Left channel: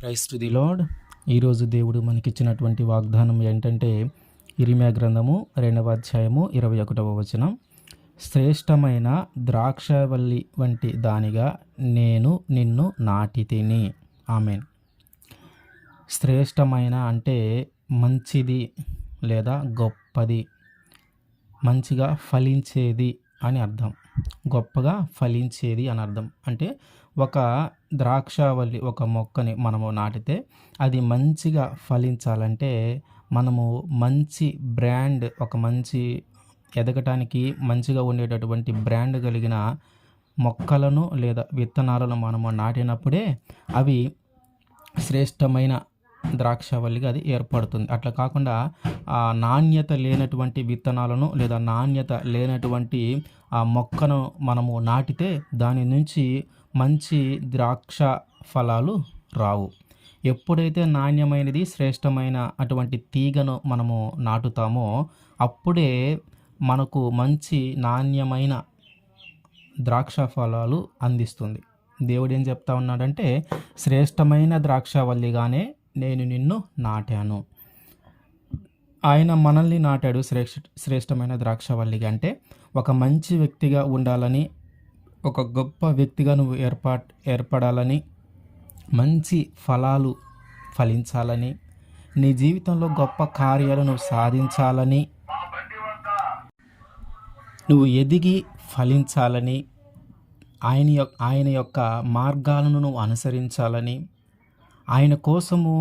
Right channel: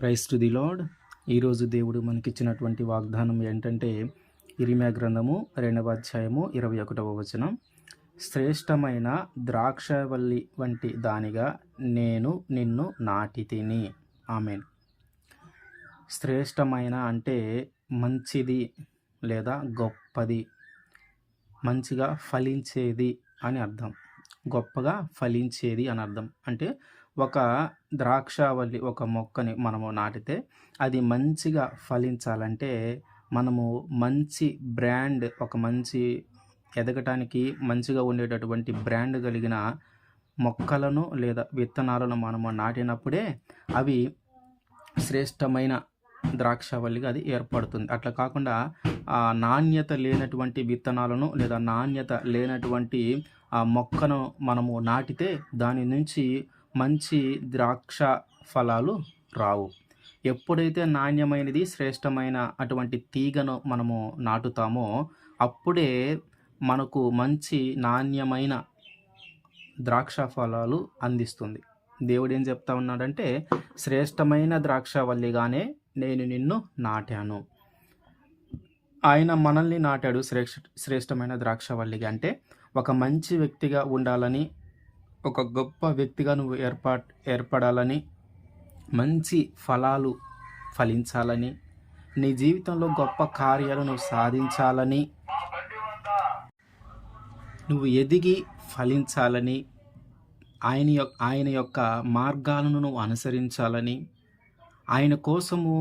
Praise to the lord. ఈరోజు దేవుడు మనకిచ్చినటువంటి వాగ్దానం ఏంటంటే ఇర్మీయా గ్రంథము 2వ అధ్యాయము 21వ వచనం. శ్రేష్టమైన ద్రాక్షవల్లి వంటి దానిగా నేను నిన్ను నాటితిని. ఆమేన్. శ్రేష్టమైన అంటే మంచిది లేదా గొప్పది, మంచిగా ఫలించేది అని అర్థం. గొప్పగా ఫలించేది అని అర్థం. అంటే ఒక ద్రాక్షావల్లి, ఒక మొక్కని మనము నాటితే అది మంచిగా ఫలించాలంటే మనము మంచి బ్రాండ్, ఒక మంచి ఎదగటానికి మంచిగా ఉండేటటువంటి బ్రాండ్ కలిగిన మొక్కలను లేదా విత్తనాలను మనము నాటినప్పుడే అవి శ్రేష్టమైన ద్రాక్షవల్లిగా అది ఏర్పడుతుంది. అట్లా కాకుండా నాణ్యత లేనటువంటి విత్తనాలను లేదా నాణ్యత లేనటువంటి మొక్కను మనము నాటితే దాని నుంచి మంచి ద్రాక్ష ఫలాలు రావు. ఎప్పుడైతే నాణ్యమైనది, శ్రేష్టమైన అటువంటి తీగను మనము నాటుతామో అప్పుడే మనకు మంచి నాణ్యమైన ద్రాక్ష ఫలాలు అందిస్తుంది. దేవుడు ఏం చెప్తా ఉన్నాడంటే, శ్రేష్టమైన ద్రాక్షవల్లిగానే నేను నిన్ను నాటాను. ఆయన మనల్ని నాటాడు శ్రేష్టమైన ద్రాక్షవల్లిగా. అంటే ఒక మంచి వ్యక్తిగా ఉండాలని, ఒక గొప్ప వ్యక్తిగా నువ్వు ఏర్పడాలని, మంచి ఫలాలు ఫలించాలని, నీ జీవితంలో గొప్ప కార్యాలు నువ్వు సాధించాలని, నువ్వు ఎదిగి ఫలించాలని, ఆయన యొక్క మార్గాలను నువ్వు అనుసరించాలని, ఆయన కోసము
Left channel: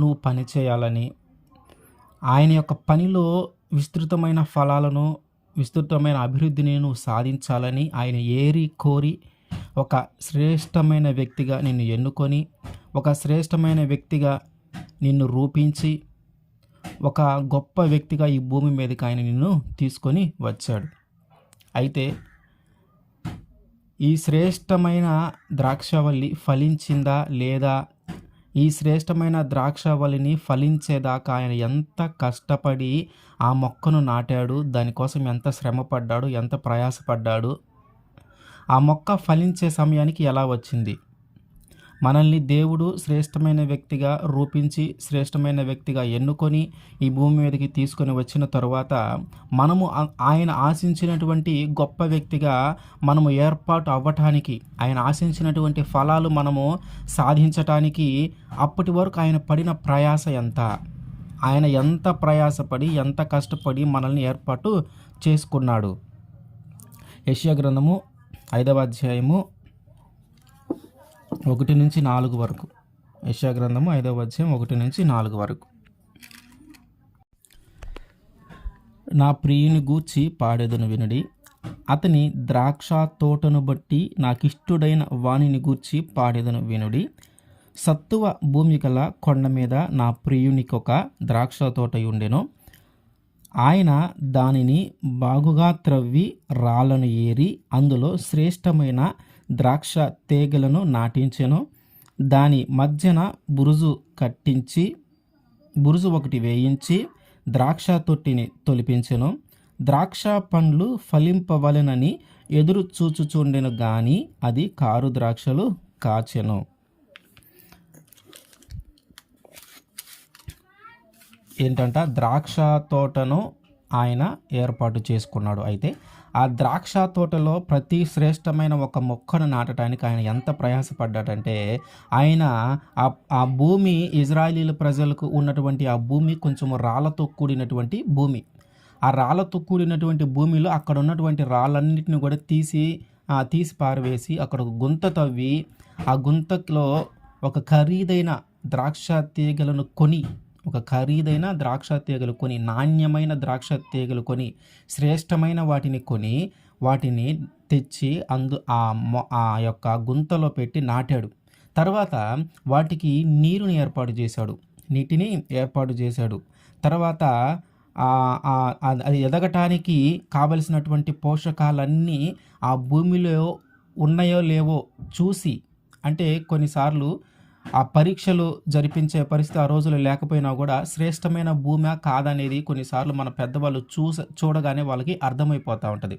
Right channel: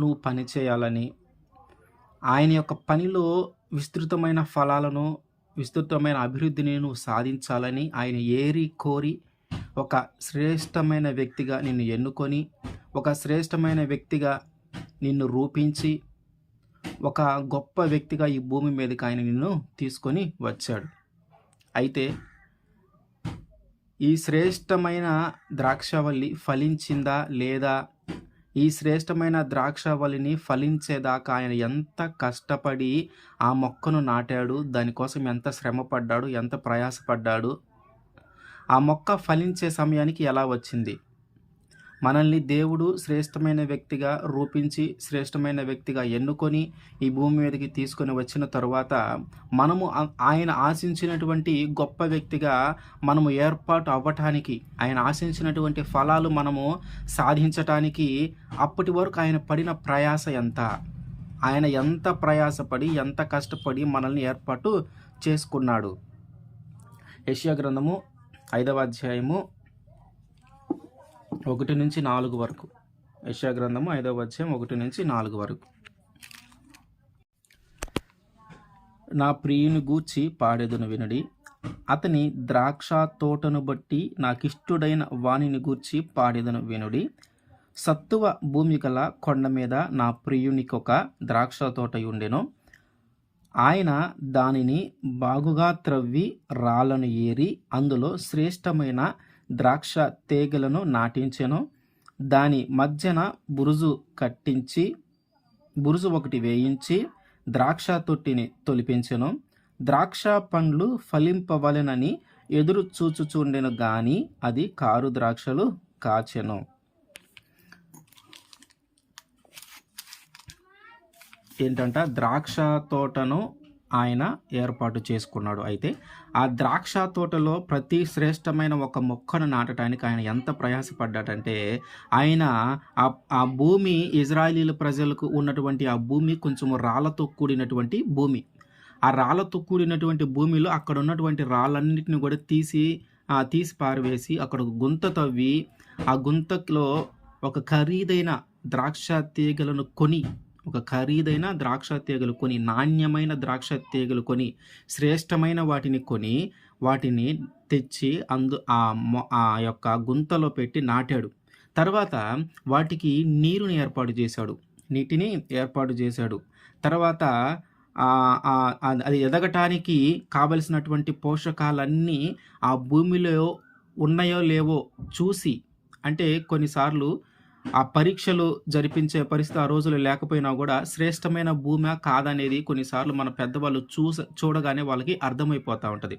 నువ్వు పనిచేయాలని, ఆయన యొక్క పనిలో విస్తృతమైన ఫలాలను, విస్తృతమైన అభివృద్ధిని నువ్వు సాధించాలని ఆయన ఏరి కోరి ఒక శ్రేష్టమైన వ్యక్తిగా నిన్ను ఎన్నుకొని, ఒక శ్రేష్టమైన వ్యక్తిగా నిన్ను రూపించి, ఒక గొప్ప వ్యక్తిగా ఈ భూమి మీదకి ఆయన నిన్ను తీసుకొని వచ్చాడు. అయితే ఈ శ్రేష్టమైన ద్రాక్షవల్లి ఫలించిందా లేదా? ఈ శ్రేష్టమైన ద్రాక్షవల్లిని ఫలించేదాకా ఆయన ఎంత కష్టపడి ఆ మొక్కను నాటాడు, దానికోసం ఎంత శ్రమపడ్డాడు, ఎంత ప్రయాసపడ్డాడు, ఆ మొక్క ఫలించే సమయానికి ఎలా వచ్చింది? మనల్ని దేవుడు శ్రేష్టమైన వ్యక్తిగా రూపించి, శ్రేష్టమైన వ్యక్తిగా ఎన్నుకొని ఈ భూమి మీదకి తీసుకొని వచ్చిన తరువాత మనము ఆయన ఆశించినటువంటి గొప్ప వ్యక్తిగా మనము ఏర్పాటు అవ్వటానికి, ఆయన ఆశించినటువంటి ఫలాలు మనము సాధించటానికి అప్పటి వరకు ఆయన పడిన ప్రయాస ఎంత? ఆయన ఎంత ప్రయాసపడి, ఎంత కష్టపడి మనల్ని ఏర్పాటు చేసుకున్నాడు. యెషయా గ్రంథము 5వ అధ్యాయము 1-4 వరకు. యెషయా గ్రంథము 5వ అధ్యాయం 1-4 వరకు. నా ప్రియుని గూర్చి పాడెదను వినుడి, అతని ద్రాక్ష తోటను బట్టి నాకిష్టుడైన వానిని గూర్చి పాడెదను వినుడి. సత్తువ భూమి గల కొండ మీద నా ప్రియునికొక ద్రాక్ష తోట ఉండెను. ఆయన దానిని బాగుగా త్రవ్వి రాళ్లను ఏరి అందులో శ్రేష్టమైన ద్రాక్ష తీగలను నాటించెను. దాని మధ్యన బురుజు కట్టించి, బురుజు ఒకటి వేయించి ద్రాక్ష తొట్టిని తొలిపించెను. ద్రాక్ష పండ్లు ఫలింపవలెనని ఎదురు చూచుచుండెను గాని అది కారు ద్రాక్షలు కాచెను. ఏంటంట? ద్రాక్ష తోటను ఆయన ఏర్పాటు చేసుకున్నాడు. అయితే ఆ ద్రాక్ష తోటలో ప్రతి శ్రేష్టమైన ఒక మొక్కను నాటడానికి ఆయన ఎంత ప్రయాసపడ్డాడంటే, ఆయన ఆ భూమి, ఇజ్రాయేలీల ప్రజలకు ఉన్నటువంటి ఆ భూమి కొంచెం రాళ్లతో కూడినటువంటి భూమి. ఆ రాళ్లతో కూడినటువంటి భూమిలో అక్కడ ఉన్నటువంటి రాళ్ళన్నిటిని కూడా తీసి పారవేసి అక్కడ గుంత తవ్వి, ఆ గుంతలో ఒక ఖరీదైన ద్రాక్ష తీగలను కొని, నాణ్యమైన ద్రాక్ష తీగలు కొని, శ్రేష్టమైన వాటిని కొని, వాటిని తెచ్చి ఆ యొక్క గుంతలో పెట్టి నాటాడు. తర్వాత వాటికి నీటిని ఏర్పాటు చేశాడు. తర్వాత అది ఎదగటానికి కావలసినటువంటి పోషకాలన్నీ ఆ భూమిలో ఉన్నాయో లేవో చూసి, అంటే కొన్నిసార్లు ఆ పరీక్షలు జరిపించే పరిస్థితి ఆ రోజులు లేకపోయినా కూడా శ్రేష్టమైన భూమి కాదనేది కొన్నిసార్లు మన పెద్దవాళ్ళు చూడగానే వాళ్ళకి అర్థమైపోతూ ఉంటుంది.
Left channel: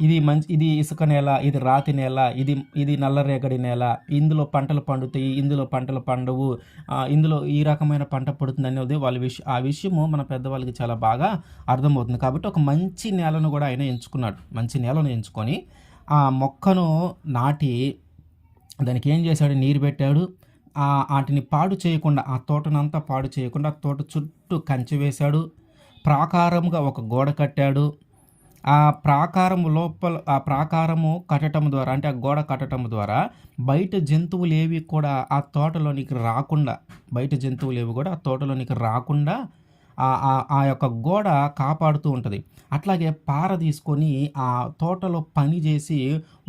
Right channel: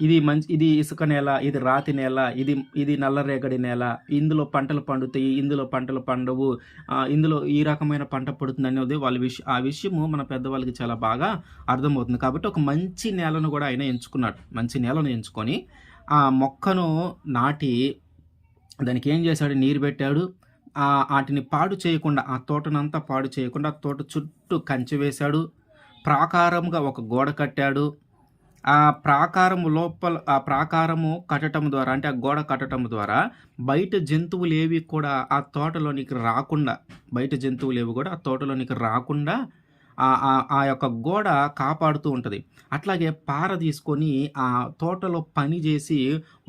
ఇది ఇసుక నేల, ఇది రాతి నేల, ఇది ఇది నల్లరేగడి నేల, ఇందులో పంటలు పండుతాయి, ఇందులో పంటలు పండవు, ఇందులో ఈ రకమైన పంట పడుతుందనేది ఆ విషయము మన పెద్దవాళ్ళకి చాలా బాగా అర్థమవుతుంది. కాబట్టి ఒక మంచి నేలను గూడా ఆయన ఎంచుకున్నాడు. మంచి నేలను ఎంచుకొని, ఆ మొక్కను నాటి దానికేం చేశాడు, నీరు పెట్టాడు. ఆటిని పాడు చేయకుండా, ఆ తోటనంతా పాడు చేయకుండా తోట చుట్టూ కంచె వేశాడు. ప్రాకారముగా ఒక గోడ కట్టాడు. ఆ ప్రాకారము లోపల ఆ ప్రాకారము కట్టటం ద్వారా, అంటే ఆ గోడ కట్టటం ద్వారా బయట జంతువులేవి కూడా ఆ తోటలోనికి రాకుండా, బయట జంతువులేవి కూడా ఆ తోటలోనికి రాకుండా ఆ యొక్క గోడ కాపాడుతూ ఉంటది. అట్లాగే పార తీసుకొని ఆ తోటలో పని చేసి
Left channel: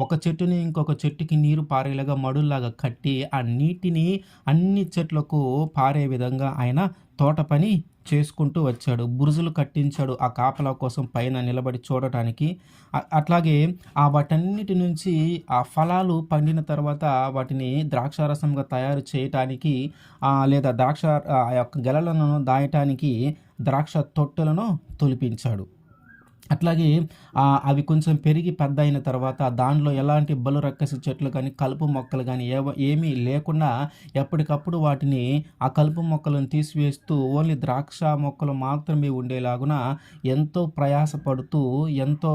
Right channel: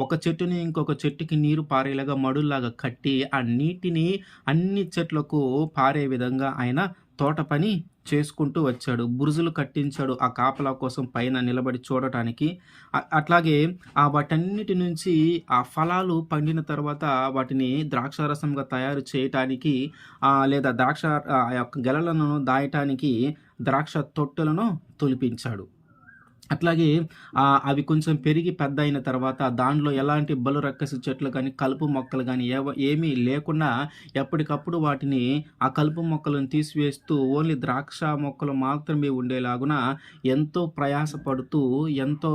ఒక చెట్టుని ఇంకొక చెట్టుకి నీరు పారేలాగా మడుల్లాగా కట్టి, ఆ నీటిని అన్ని చెట్లకు పారే విధంగా ఆయన తోట పని చేసుకుంటూ వచ్చాడు. బురుజులు కట్టించాడు ఆ కాపలా కోసం పైన నిలబడి చూడటానికి. అట్లాగే వాటన్నిటి నుంచి ఆ ఫలాలు పండిన తర్వాత వాటిని ద్రాక్షారసంగా తయారు చేయటానికి, లేదా ఆ యొక్క గెలలను దాయటానికి ద్రాక్ష తొట్టెలను తొలిపించాడు. అట్లాగే అవి కొంచెం పెరిగి పెద్దయిన తర్వాత దానిలో ఎలాంటి బలురక్కసి చెట్లు గానీ, కలుపు మొక్కలు గానీ ఏమీ లేకుండా ఎప్పటికప్పుడు వాటిని, ఆ కలుపు మొక్కలను తీసివేస్తూ ఓన్లీ ద్రాక్ష మొక్కలు మాత్రమే ఉండేలాగున ఎంతో ప్రయాసపడుతూ, ఎంతో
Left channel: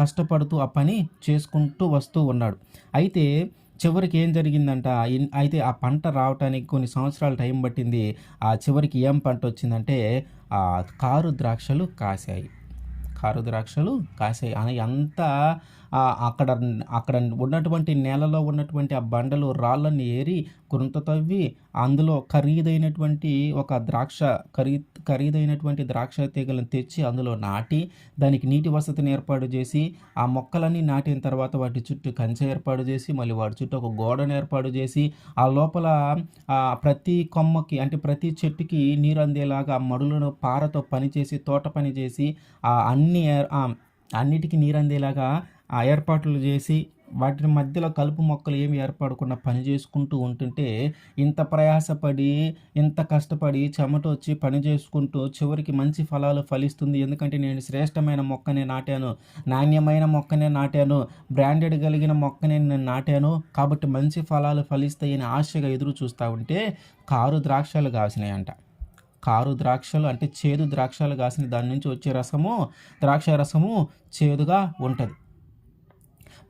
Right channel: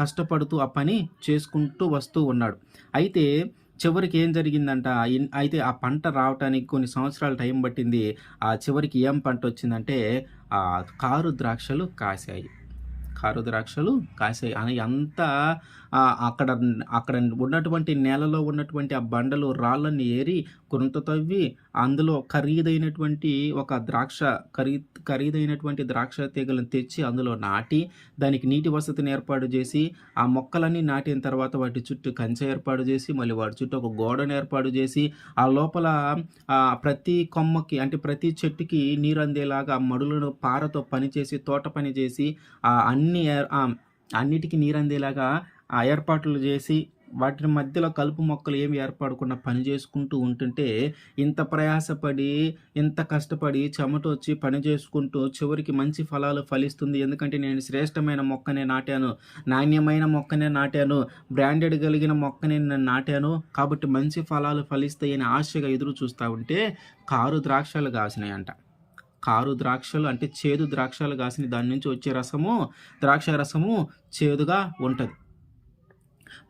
కష్టపడుతూ ఆ పని చేసుకుంటూ వస్తూ ఉన్నాడు. అయితే చివరికి ఏం జరిగిందంట, అయితే ఆ పంట రావటానికి కొన్ని సంవత్సరాలు టైం పట్టింది. చివరికి ఏం పంటొచ్చిందంటే కారు ద్రాక్షలు కాశాయి. కారు ద్రాక్షలు కాసాయి. అని అంతా అక్కడ అక్కడ ఉన్నటువంటి నేలలో ఉన్నటువంటి ఆ బండలు రాళ్ళని ఏరి గుంత తవ్వి అందులో ఖరీదైనటువంటి ద్రాక్ష తీగలను తెచ్చి అందులో నాటి, దానికి నీటి వసతిని ఏర్పాటు చేసి, ఆ మొక్కలన్నీ నాటిన తర్వాత వాటి చుట్టూ కంచె ఏర్పాటు చేసి, మళ్ళీ వాటి చుట్టూ ఒక గోడను ఏర్పాటు చేసి, ఆ లోపల ప్రతి కొమ్మకి, అంటే ప్రతి చెట్టుకి నీరు అందేలాగా మడులను పారతో పనిచేసి, తోట పని చేసి, అన్నిటికీ నీరు అందేలాగా ఏర్పాట్లు చేసి, వాటి మధ్యలో కలుపు మొక్కలు ఏమి ఏర్పడకుండా పని చేసుకుంటూ ఉంటుంటే, ఇంత ప్రయాసపడి, ఇంత కష్టపడి, చెమటొచ్చి పని చేసుకుంటూ చివరికి మంచి ఫలాలు ఫలిస్తుంది. ఎందుకంటే నేను శ్రేష్టమైన మొక్కనే నాటాను, నాణ్యమైన మొక్కనే నాటాను, బ్రాండెడ్ కలిగిన మొక్కనే నేను నాటాను, కాబట్టి మంచి ఫలాలు ఫలిస్తాయని ఆశగా ఎదురు చూస్తూ ఉంటే కారు ద్రాక్షలు కాసినాయంట. కారు ద్రాక్షలు అంటే చేదు ద్రాక్షలు కాసిన దాని నుంచి వచ్చే ద్రాక్ష రసము చేదుగా ఉంటది.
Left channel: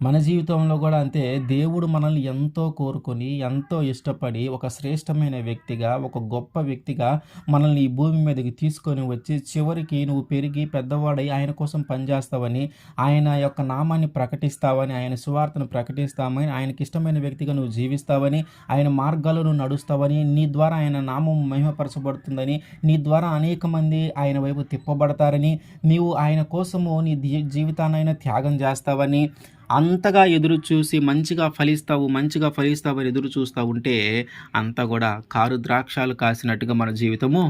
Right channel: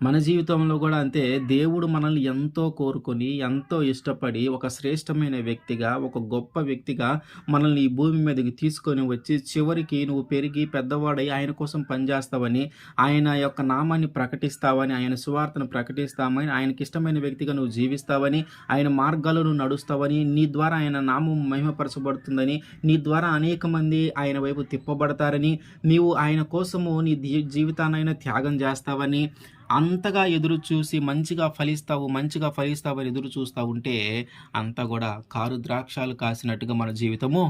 మన జీవితంలో కూడా అంతే. దేవుడు మనల్ని ఎంతో కోరుకొని, ఎంతో ఇష్టపడి, ఒక శ్రేష్టమైన వ్యక్తిగా, ఒక గొప్ప వ్యక్తిగా మనల్ని ఈ భూమి మీదకి తీసుకొని వచ్చి, చివరికి నువ్వు పెరిగి పెద్దవాడై ఆయన కోసం పనిచేస్తావని, ఆయన యొక్క నామాన్ని ప్రకటిస్తావని, ఆయన సువార్తను ప్రకటిస్తామని, ఆయనకి ఇష్టమైన వ్యక్తిగా నువ్వు జీవిస్తావని, ఆయన మార్గాలను నడుస్తావని, నీ ద్వారా ఆయన నామం మహిమపరచబడుతుందని, నీ ద్వారా అనేక మంది ఆయన వైపు తిప్పబడతారని, నీవు ఆయన కోసము నీ జీవితాన్నైనా త్యాగం చేస్తావని, అంతగా ఎదురు చూసి మంచిగా ఫలిస్తావని ఎదురు చూస్తూ ఉంటే అంతా కూడా కారు ద్రాక్షాలు కాసినట్టుగా మన జీవితము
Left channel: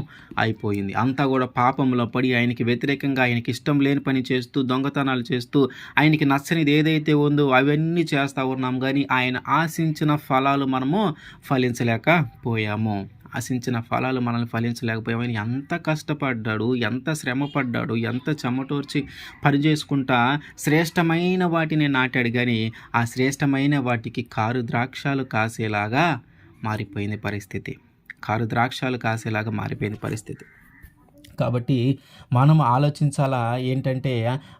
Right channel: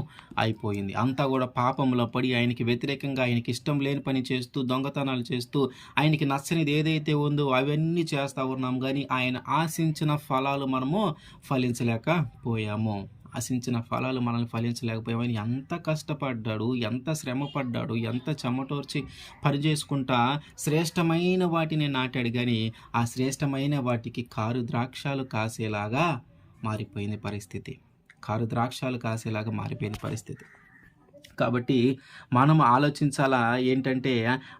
అయిపోయింది. అంతా కూడా పాపంలో పడి ఆయనకి వ్యతిరేకంగా, ఆయనకి ఇష్టం లేని పని చేస్తూ, దొంగతనాలు చేస్తూ, ఆయనకి నచ్చనిది ఏదైతే ఉందో అవన్నీ చేస్తూ ఉన్నాం, కానీ ఆయన ఆశించిన ఫలాలు మనము ఫలించలేకపోయాము. ఆశించిన ఫలాలు మనల్ని ఫలించలేకపోయామని ఎంత కష్టపడ్డాడు, ఎంత శ్రమపడ్డాడు, ఎంత చెమటోర్చి పనిచేసుకుంటా శ్రేష్టమైన వాటిని నాటాడు, కానీ ఆ శ్రేష్టమైన వాటికి కారు ద్రాక్షాలు కాసేలాగా మారిపోయింది పరిస్థితి. కారు ద్రాక్షాలు కాసేలాగా మారిపోయింది పరిస్థితి. కాబట్టి మనం ఆలోచించాలా ఏంటంటే,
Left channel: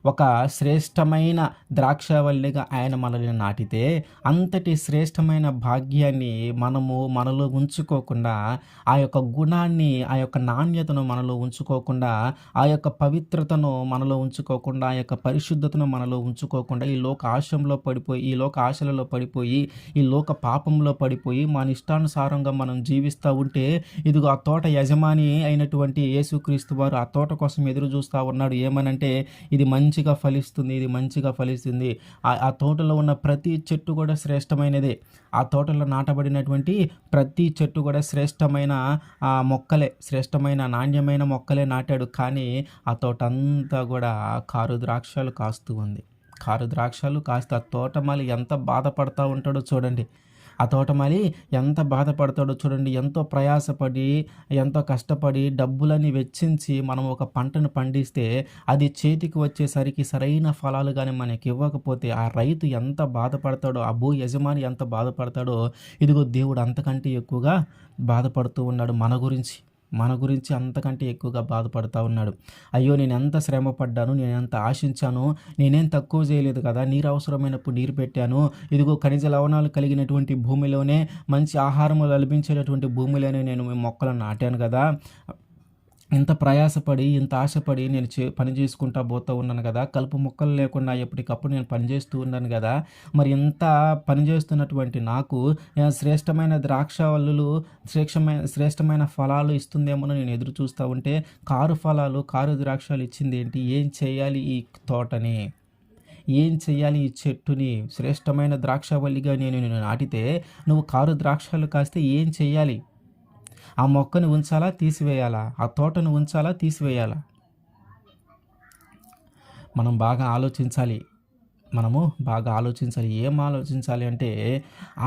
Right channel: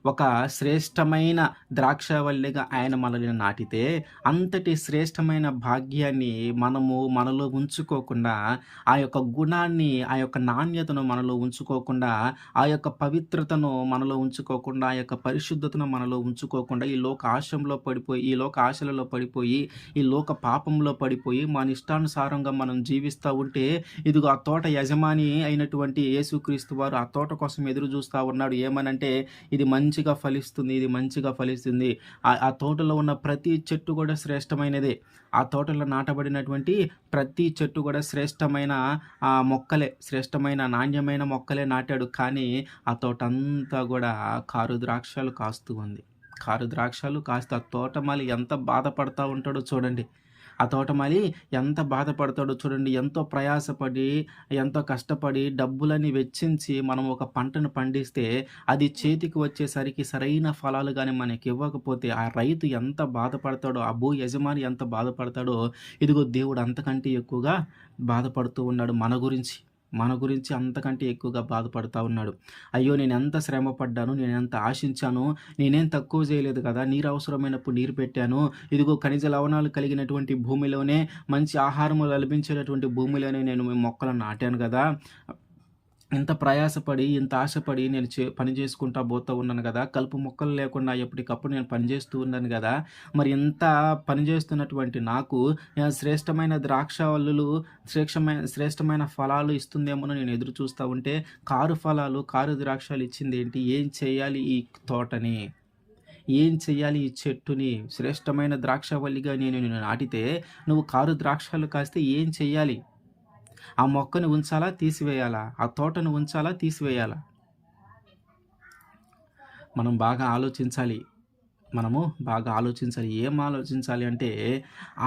ఒక శ్రేష్టమైన ద్రాక్షవల్లిగా ఆయన మనల్ని నాటితే, అంతటి శ్రేష్టమైన భాగ్యాన్ని మనలో ఉంచుకోకుండా, ఆ యొక్క గుణాన్ని, ఆ యొక్క నాణ్యతను మనలో ఉంచుకోకుండా, ఆ యొక్క పవిత్రతను మనలో ఉంచుకోకుండా, ఆ యొక్క పరిశుద్ధతను మనలో ఉంచుకోకుండా, ఈ లోక ఆశలలో పడిపోయి, ఈ లోక పాపంలో పడిపోయి, మన ఇష్టానుసారంగా మనం జీవిస్తూ ఉంటే, ఇదిగో ఆ తోట యజమాని అయినటువంటి యేసుక్రీస్తు వారు ఆ తోట కోసం ఎదురు చూస్తూ ఉన్నాడు. ఏమనంటే, ఇది మంచిగా ఫలిస్తుంది. ఆ తోటలో ఉన్న ప్రతి చెట్టు కూడా శ్రేష్టమైనదే. ఆ తోటలో నాటబడినటువంటి ప్రతి చెట్టు కూడా శ్రేష్టమైన శ్రేష్టమైన నాణ్యమైన మొక్కలే నాటాడు. కానీ ఆ తోట అంతా కూడా కారు ద్రాక్షలు కాస్తూ ఉంది. కారు ద్రాక్షలు కాస్త ఆ తోటమాలి ఎంత బాధపడతా ఉంటాడో చూడండి. ఆ తోటమాలి ఎంత బాధపడతాడో చూడండి. ఎంతో ప్రయాసపడి, ఎంతో కష్టపడి, డబ్బులని వెచ్చించి మనం ఒక పంటను పండిస్తే, అది చేతికి వచ్చేసరికి సరైన ఫలాలు గాని మనకివ్వకపోతే, ఆ రైతు ఎంత బాధపడతాడో, ఆ భూ యజమాని ఎంత బాధపడతాడో, ఇదిగో దేవుడు అంతకంటే ఎక్కువగా బాధపడుతూ ఉన్నాడు మన గురించి. మన గురించి అంతకంటే ఎక్కువగా బాధపడతా ఉన్నాడు. అయ్యో! నేనెంత శ్రమ పడ్డాను, నేనెంత ఆశించాను, నేనేం తక్కువ చేయలేదు కదా! నీరు అవసరమైనప్పుడు నీరు పెట్టాను. ఇదిగో ఖనిజ లవణాలు కలిగినటువంటి భూమిలోనే, మంచి ఆహారము లభించేటటువంటి భూమిలోనే నేను మీ మొక్కలను నాటాను గదా! ఇంత ప్రయాసపడి, ఇంత ఆశపడి నేను పని చేసుకుంటా పోతూ ఉన్నాను గదా! కలుపు మొక్కలు లేకుండా ఎప్పటికప్పుడు నేను పని చేస్తూ ఉన్నాను గదా! మరి ఇంత పని చేస్తున్నటువంటి నాకు శ్రేష్టమైన ద్రాక్షవల్లులు, శ్రేష్టమైన ఫలాలు ఇస్తుందేమోనని నేను ఎదురు చూస్తా ఉంటే, కారు ఫలాలు, కారు ద్రాక్షాలు ఇచ్చిందేంటి? ఏం చేయాలి ఈ తోటని? ఏం చెయ్యాలి ఈ చెట్టుని? శ్రేష్టమైన ద్రాక్షవల్లిగా నేను నాటితే, నువ్వు కారు ద్రాక్షాలు కాస్తే ఏం చెయ్యాలి? ఆ మొక్కని ఉంచాలా? తీసివేయాలా? ఆ తోటను ఉంచాలా? తీసివేయాలా? మనం బాగా ఆలోచించాలి. మనము బాగా ఆలోచించాలి. ఏం ఆలోచించాలి అంటే,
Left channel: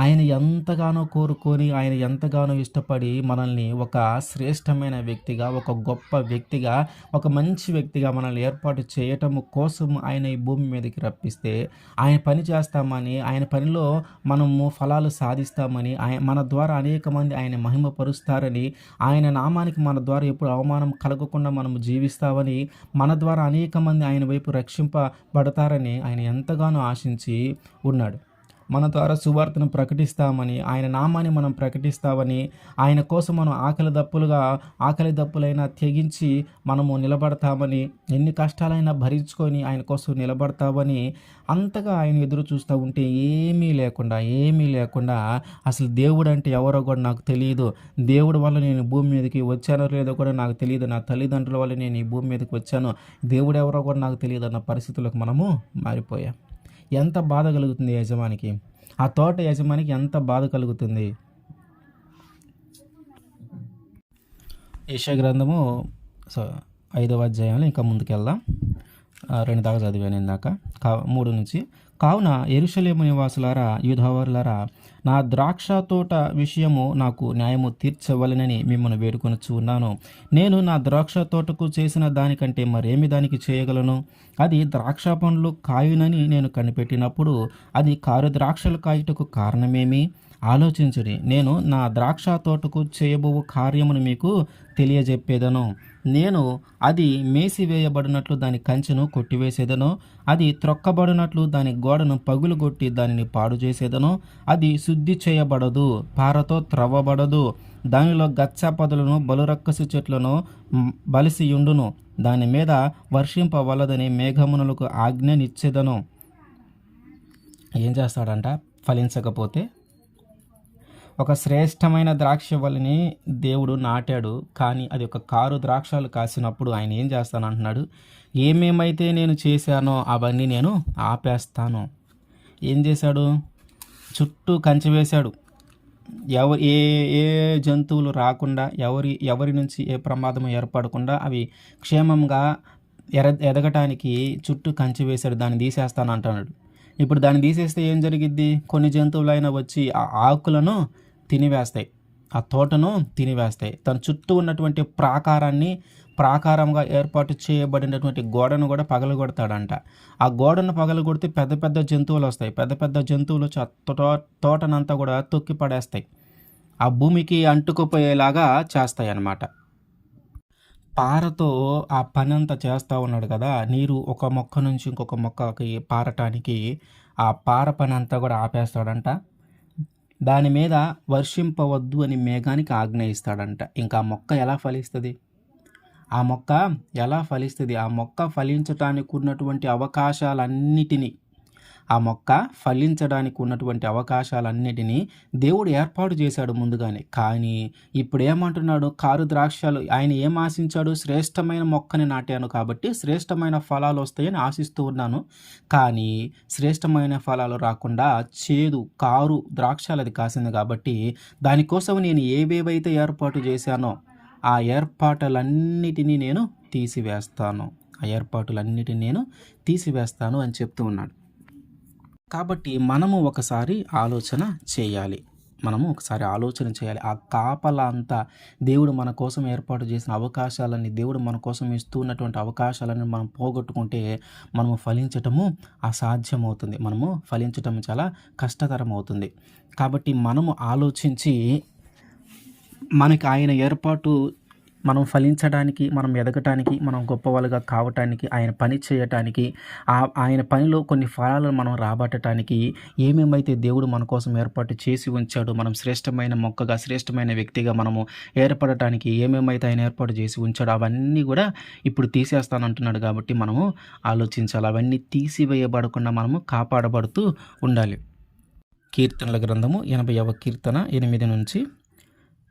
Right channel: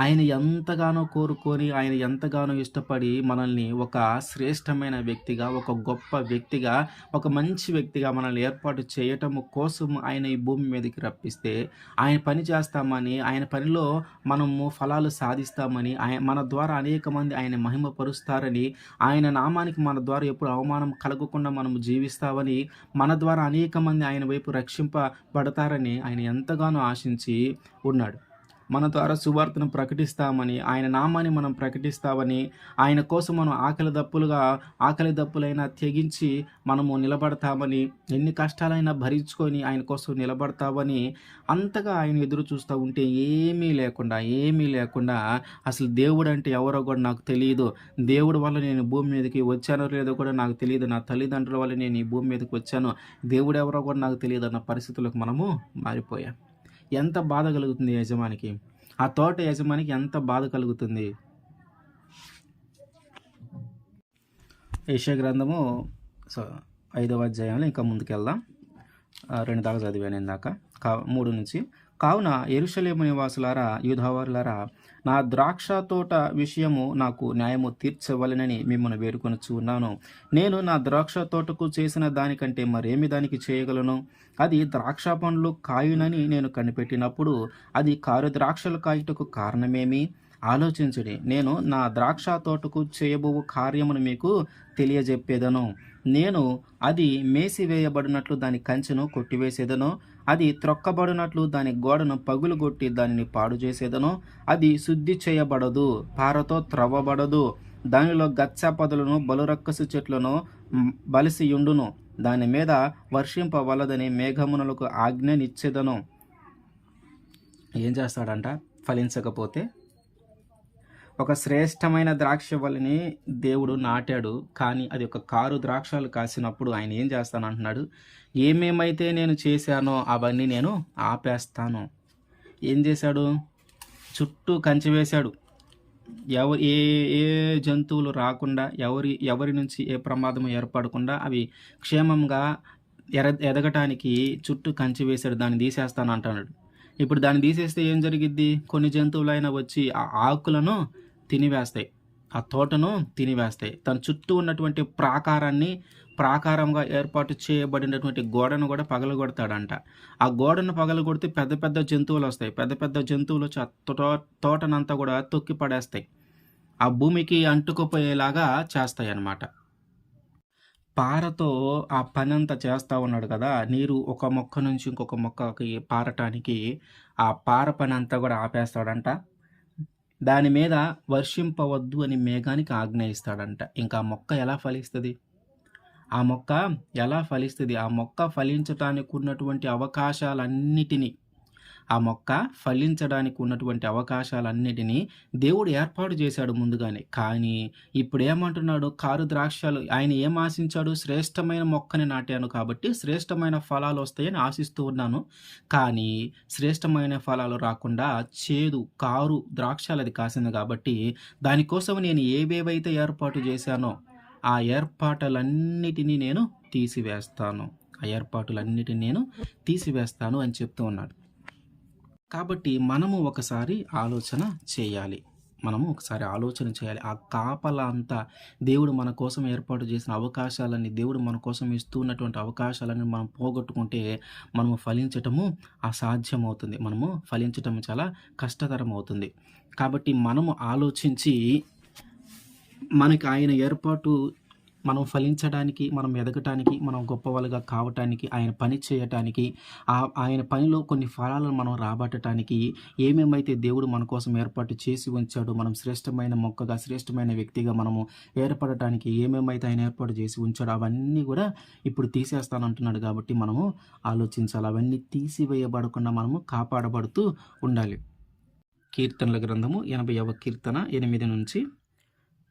ఆయన ఎంతగానో కోరుకొని, ఆయన ఎంతగానో ఇష్టపడి మనల్ని ఒక శ్రేష్టమైన వ్యక్తిగా, ఒక గొప్ప వ్యక్తిగా, ఒక మంచి వ్యక్తిగా మనల్ని ఏర్పాటు చేయటం కోసం ఆయన ఈ భూమి మీదకి రప్పిస్తే, ఆయన పని చేస్తామని, ఆయన పనిలో మనము ఫలాలు సాధిస్తామని, మన ద్వారా అనేక మంది ఆయన మహిమపరుస్తారని, ఆయన నామానికి మన ద్వారా ఎప్పుడు అవమానం కలగకుండా మనము జీవిస్తామని, మన ద్వారా అనేక మంది ఆయన వైపు రక్షింపబడతారని ఆయన ఎంతగానో ఆశించి ఉన్నాడు. మన ద్వారా సువార్తను ప్రకటిస్తామని, ఆయన నామాన్ని మనం ప్రకటిస్తామని, ఆయన కోసం మనం ఆకలి దప్పులైనా తెగించి మనము నిలబడతామని, ఎన్ని కష్టాలైనా భరించుకొని ఆయన కోసం నిలబడతామని, అంతగా ఆయన ఎదురు చూస్తూ ఉంటే ఏమీ లేకుండా అసలు దేవుడంటే ఎవరో కూడా నాకు తెలీదు. దేవుడి వల్ల నేను భూమి మీదకి వచ్చానో లేదో కూడా నాకు తెలీదు. నా తల్లిదండ్రుల వల్ల నేను ఈ భూమి మీదకి వచ్చాను. దేవుడు ఎవరో కూడా నాకు తెలీదు అన్న పరిస్థితులకు మనము మారిపోయాం. ఎంత బాధ కలుగుతుంది యజమానికి? ఆ తోట యజమానికి ఎంత బాధ కలుగుతుంది? యెషయా గ్రంథము 5వ అధ్యాయంలో ఇంకా ముందుకెళ్దాం. 2 దాకా చదివాను ఇందాక. 3 నుంచి. కావున యెరూషలేము నివాసులారా, యూదావారులారా, నా ద్రాక్ష తోట విషయము నాకు న్యాయము తీర్చవలెనని మిమ్మల్ని వేడుకొనుచు ఉన్నాను. నేను నా ద్రాక్ష తోటకు చేసిన దానికంటే మరేమి దానికి చేయగలను? అది ద్రాక్ష పండ్లు కాయునని నేను కనిపెట్టినప్పుడు అది కారు ద్రాక్షలు కాయుటకు కారణమేమి? ఆలోచించుడి. నేను నా ద్రాక్ష తోటకు చేయబో కార్యమును మీకు తెలియజెప్పేదను. నేను అది మేసివేయబడినట్లు దాని కంచెను కొట్టివేసేదను. అది త్రొక్కబడినట్లు దాని గోడను పగులుగొట్టి దానిని పాడు చేసేదను. అది శుద్ధి చేయబడదు, పారతో త్రవ్వబడదు. దానిలో గచ్చ పొదలను, బలురక్కసు చెట్లను బలిసియుండును. దాని మీద వర్షింపవలదని మేఘమునలకు ఆజ్ఞనిచ్చేదను. ఏం చేస్తాడంట? ఫలించకపోతే ఒక శ్రేష్టమైన ద్రాక్షవల్లిని దేవుడు నాటాడు. కానీ అది ఒక కారు ద్రాక్షలు కాసినప్పుడు ఆయన ఏం చేస్తానంటున్నాడు? ఏమేమైతే నేను చేశానో అవన్నీ నేను ఆపేస్తాను. ఏం చేశాడు? చుట్టూ కంచె వేశాడు. ఏ ఏ జంతువులు రాకుండా, ఎవరి నుంచి ఏ ప్రమాదం ఏర్పడకుండా అవి క్షేమంగా ఎదగటానికి చుట్టూ కంచె వేశాడు. దాన్ని తీసేస్తాను అంటున్నాడు. ఇప్పుడు దాన్ని తీసేస్తే ఏం జరిగిద్ది? కొన్ని జంతువులైనా వచ్చి ఆ ఆకులను తినివేస్తాయి, ఆ తోటను తినివేస్తాయి. తన చుట్టూ ఉన్నటువంటి ప్రాకారంగా ఏర్పాటు చేయబడినటువంటి గోడను కూడా పగలగొడతాడంట. ఆ గోడను పగలగొడితే పెద్ద పెద్ద జంతువులు వస్తాయి. పెద్ద పెద్ద జంతువులు తోటనంతా కూడా తొక్కి పడేస్తాయి. ఆ భూమికి అంటుకుపోయేలాగా చేస్తాయి అన్నమాట. పారతో ఆ పని అంతా చేస్తూ ఉన్నాడు కదా. నీరు ఒక మొక్క నుంచి ఇంకొక మొక్కకి పారటానికి ఆ పార పని అంతా కూడా ఆపేస్తాడంట. దాని మీద వర్షింపవద్దు అని మేఘానికి ఆజ్ఞ ఇస్తాడంట. ఇంకా ఆ మొక్క ఎలా ఫలిస్తుంది? ఆ మొక్క ఫలించటానికి ఉన్నటువంటి అవకాశాలన్నిటినీ దేవుడు ఏర్పాటు చేశాడు ముందుగానే. కానీ ఇప్పుడు ఏమంటున్నాడు? కారు ద్రాక్షలు. ఆయన ఏం ఆశించాడు? శ్రేష్టమైన మొక్కని నాటాను కాబట్టి శ్రేష్టమైన ఫలాలు వస్తాయని ఆశిస్తూ ఉన్నాను. కానీ శ్రేష్టమైన ఫలాలు రాకుండా కారు ద్రాక్షలు అది కాసింది కాబట్టి దానికోసం నేను ఏవేవైతే ఏర్పాటు చేశానో ఆ ఏర్పాట్లన్నిటినీ నేను తీసివేస్తాను అని చెప్తూ ఉన్నాడు. కాబట్టి మనము ఒకసారి ఆలోచన చేయాలి. మనము ఒకసారి ఆలోచన చేయాలి. ఆ కాపలా అంతా దేవుడు మన కోసం ఏర్పాటు చేసిన అవకాశాలన్నీ, దేవుడు మన కోసం ఇస్తూ ఉన్నటువంటి అవకాశాలను మనం పోగొట్టుకుంటే మనము ఫలించటము అసాధ్యమవుతుంది. మనము ఫలించటం చాలా కష్టతరం అవుతుంది. కాబట్టి మనము ఆలోచించి మనకి ఆయన ఏర్పాటు మనం ఫలించడానికి, మనం ఎదగటానికి, మనం గొప్పవాళ్ళుగా కావటానికి, ఆయన పని చేయటానికి, ఆయన పనిలో కొన్ని ఫలాలను మనం రాబట్టటానికి ఏమేమైతే దేవుడు మన కోసం ఏర్పాటు చేసి ఉంచాడో, మనం శ్రేష్టమైన మొక్కగా, శ్రేష్టమైన వ్యక్తిగా మనము ఏర్పడటానికి ఏమేమైతే ఆయన ఏర్పాటు చేసి ఉంచాడో అవన్నీ కూడా ఇప్పుడు తీసేస్తానంటున్నాడు. కాబట్టి మనము ఆలోచించాలి. అవన్నీ తీసివేయబడకుండా మనము కాపాడబడుతూ ఉండాలి. కీర్తనల గ్రంథము 80వ కీర్తన 8 నుంచి,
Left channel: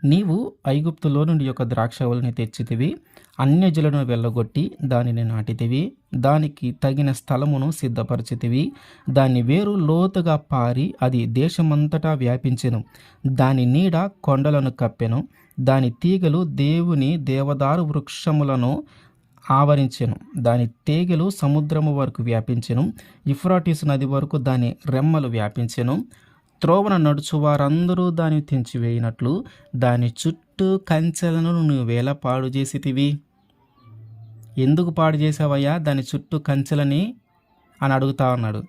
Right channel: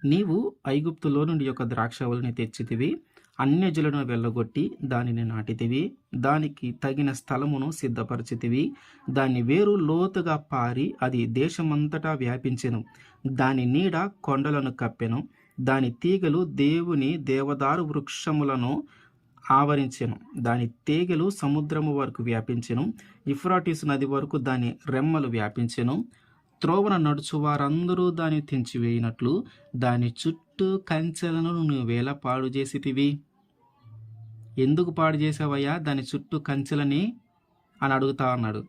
నీవు ఐగుప్తులో నుండి యొక్క ద్రాక్షవల్లిని తెచ్చితివి, అన్యజులను వెళ్ళగొట్టి దానిని నాటితివి, దానికి తగిన స్థలమును సిద్ధపరచితివి, దాని వేరు లోతుగా పారి అది దేశమంతటా వ్యాపించెను, దాని నీడ కొండలను కప్పెను, దాని తీగలు దేవుని దేవదారు వృక్షములను ఆవరించెను, దాని తీగలు సముద్రము వరకు వ్యాపించెను, యూఫ్రాటీసు నది వరకు దాని రెమ్మలు వ్యాపించెను. త్రోవన నడుచు వారందరూ దాన్ని తెంచివేయినట్లు దాని చుట్టూ కంచెలను నువ్వు వేల పాడు చేసితివి. ఎందుకు పాడు చేసావయ్యా దాని చుట్టూ కంచెలని అని అడుగుతా ఉన్నాడు.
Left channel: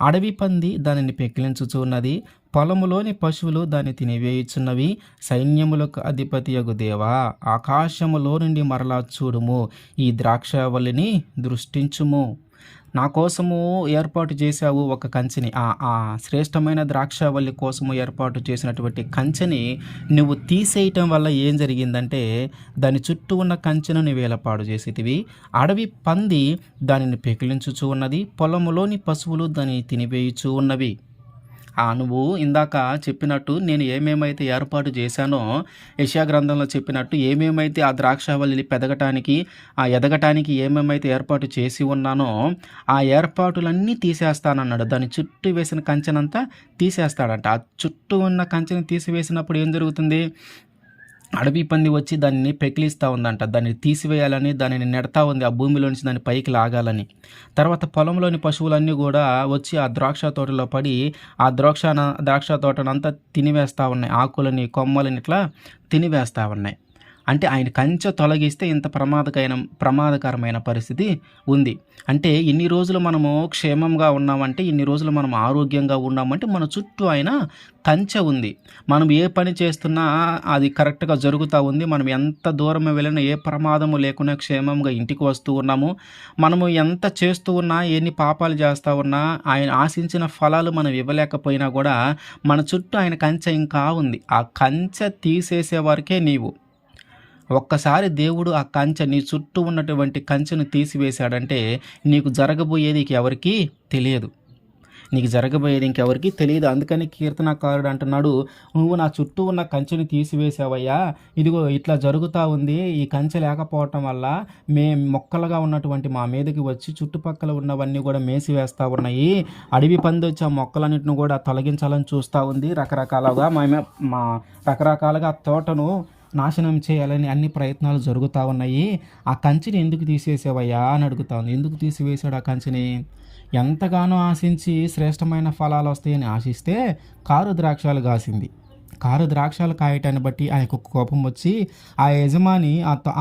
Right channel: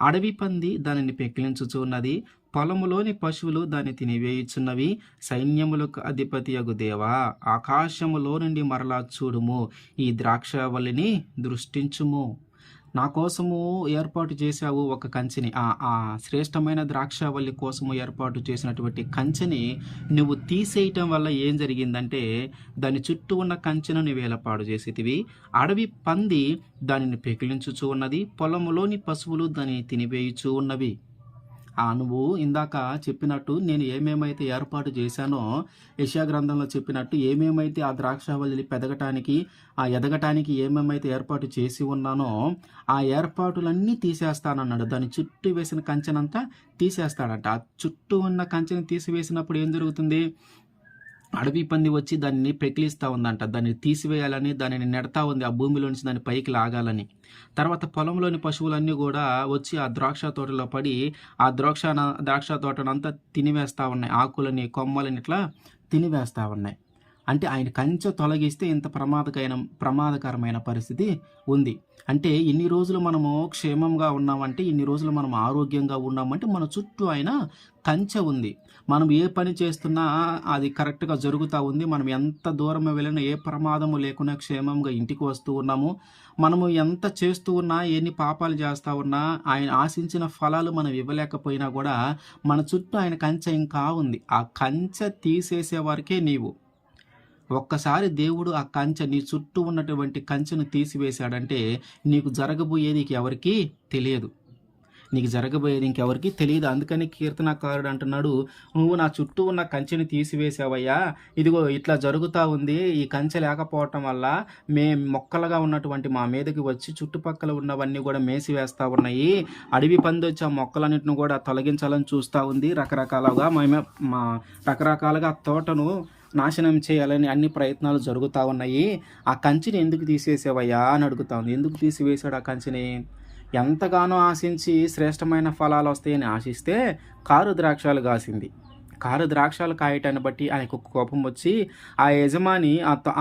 అడవి పంది దానిని పెకిలించుచున్నది, పొలములోని పశువులు దాన్ని తినివేయుచున్నవి. సైన్యములకు అధిపతియగు దేవా, ఆకాశములో నుండి మరలా చూడుము, ఈ ద్రాక్షవల్లిని దృష్టించుము. నా కోసము ఏర్పాటు చేశావు ఒక కంచెని, ఆ శ్రేష్టమైన ద్రాక్షవల్లి కోసము ఏర్పాటు చేసినటువంటి కంచెని నువ్వు తీసేయటం వల్ల ఏం జరిగిందంటే దాని చుట్టూ ఉన్న కంచెను నువ్వు వేలపాడు చేసేటివి. అడవి పంది దానిని పెకిలించుచూ ఉన్నది, పొలములోని పశువులు దాన్ని తినివేయుచూ ఉన్నవి. నువ్వు ఇందాక చెప్పినట్టు నేను ఏమేమైతే ఏర్పాటు చేశానో, యెషయా గ్రంథంలో చెప్పినట్టు ఏమేమైతే ఆ ద్రాక్షావల్లి పెదగటానికి, ఎదగటానికి ఏమేమైతే ఏర్పాటు చేసి ఉన్నానో ఆ ఏర్పాటులన్నీ తీసేస్తానన్నాడు. దాని చుట్టూ వేసిన కంచెనంతా తీసేస్తాడంట. ఆ చుట్టూ ఉన్న కంచెని తీసివేసినప్పుడు ఏం జరుగుతుంది? అడవి పంది వచ్చి దాన్ని పెకిలిస్తూ ఉందంట. దాన్ని తీసివేయాలని దానిని నెడతా ఉంది, ఆ భూమిలోంచి దాన్ని పైకి లాగాలని. తర్వాత పొలంలోని పశువులన్నీ కూడా వచ్చి ఆ ద్రాక్ష తోటలో పడి ఆ ద్రాక్ష తోటనంతా తినివేస్తూ ఉన్నాయి. ఆకులని, కొమ్మలని ఇట్లా తినివేస్తూ ఉన్నాయి. అంటే ఆయన కంచె తొలగిస్తే ఇంత ప్రమాదకరమైన పరిస్థితి ఉంది. అంటే ఇన్ని రోజులు మనము క్షేమంగా ఉన్నామంటే, ఇన్ని రోజులు మనం ఆరోగ్యంగా ఉన్నామంటే మన చుట్టూ ఆయన కంచె ఉంది. మనం ఏ పని చేస్తున్నా అది కరెక్ట్గా జరుగుతూ ఉంది. మనం ఎంత దూరం వెళ్ళినా ఏ ప్రమాదము లేకుండా క్షేమంగా ఇంటికి వస్తూ ఉన్నాము. మనము ఎంత చేస్తూ ఉన్నా, ఎన్ని పాపాలు చేస్తూ ఉన్నా, ఆయన ఆశించిన ఫలాలు మనం ఇవ్వలేకపోయినా కూడా మన చుట్టూ ఆయన కంచె ఇంకా ఉంది. ఆ కంచె తీసేసే వరకే నీవు. ఒక్కసారి దేవుడు ఆ కంచె, నీ చుట్టూ ఉన్నటువంటి కంచెను తీసివేశాడంటే నీకు జరగబోయేది ఎవరికీ తెలియదు. నీకు జరగబోయేది ఇంకెవరికి తెలియదు. అందుకని కీర్తనకారుడు అంటున్నాడు, నువ్వు నా చుట్టూ ఉన్న కంచెని తీసివేసావయ్యా, ఇదిగో ఇట్లా జరుగుతూ ఉంది. ఈ కంచె లేకపోవటం వల్ల మొక్కలుగా ఉన్నటువంటి మా మీదకి వచ్చి చుట్టుపక్కల ఉన్నవన్నీ కూడా మేసివేస్తూ ఉన్నాయి. అడవి పంది వచ్చి ఆ మొక్కలన్నింటిని కూడా తొలగించాలని చూస్తూ ఉంది. రకరకాలుగా తోటను నాశనం చేయాలని అన్ని ప్రయత్నాలు జరుగుతూ ఉన్నాయి. ఆ కంచెని ఎందుకు తీసేసావయ్యా అని అడుగుతా ఉంది. ఎందుకు తీసివేశాడు ఆ కంచెని? ఎంతగానో ఆశించి శ్రేష్టమైన ఫలాలు వస్తాయని ఆశిస్తే కారు ద్రాక్షాలు కాసింది. కారు ద్రాక్షాలు కాయటాన్ని బట్టి ఆయనకు కోపం వచ్చి ఆ యజమాని,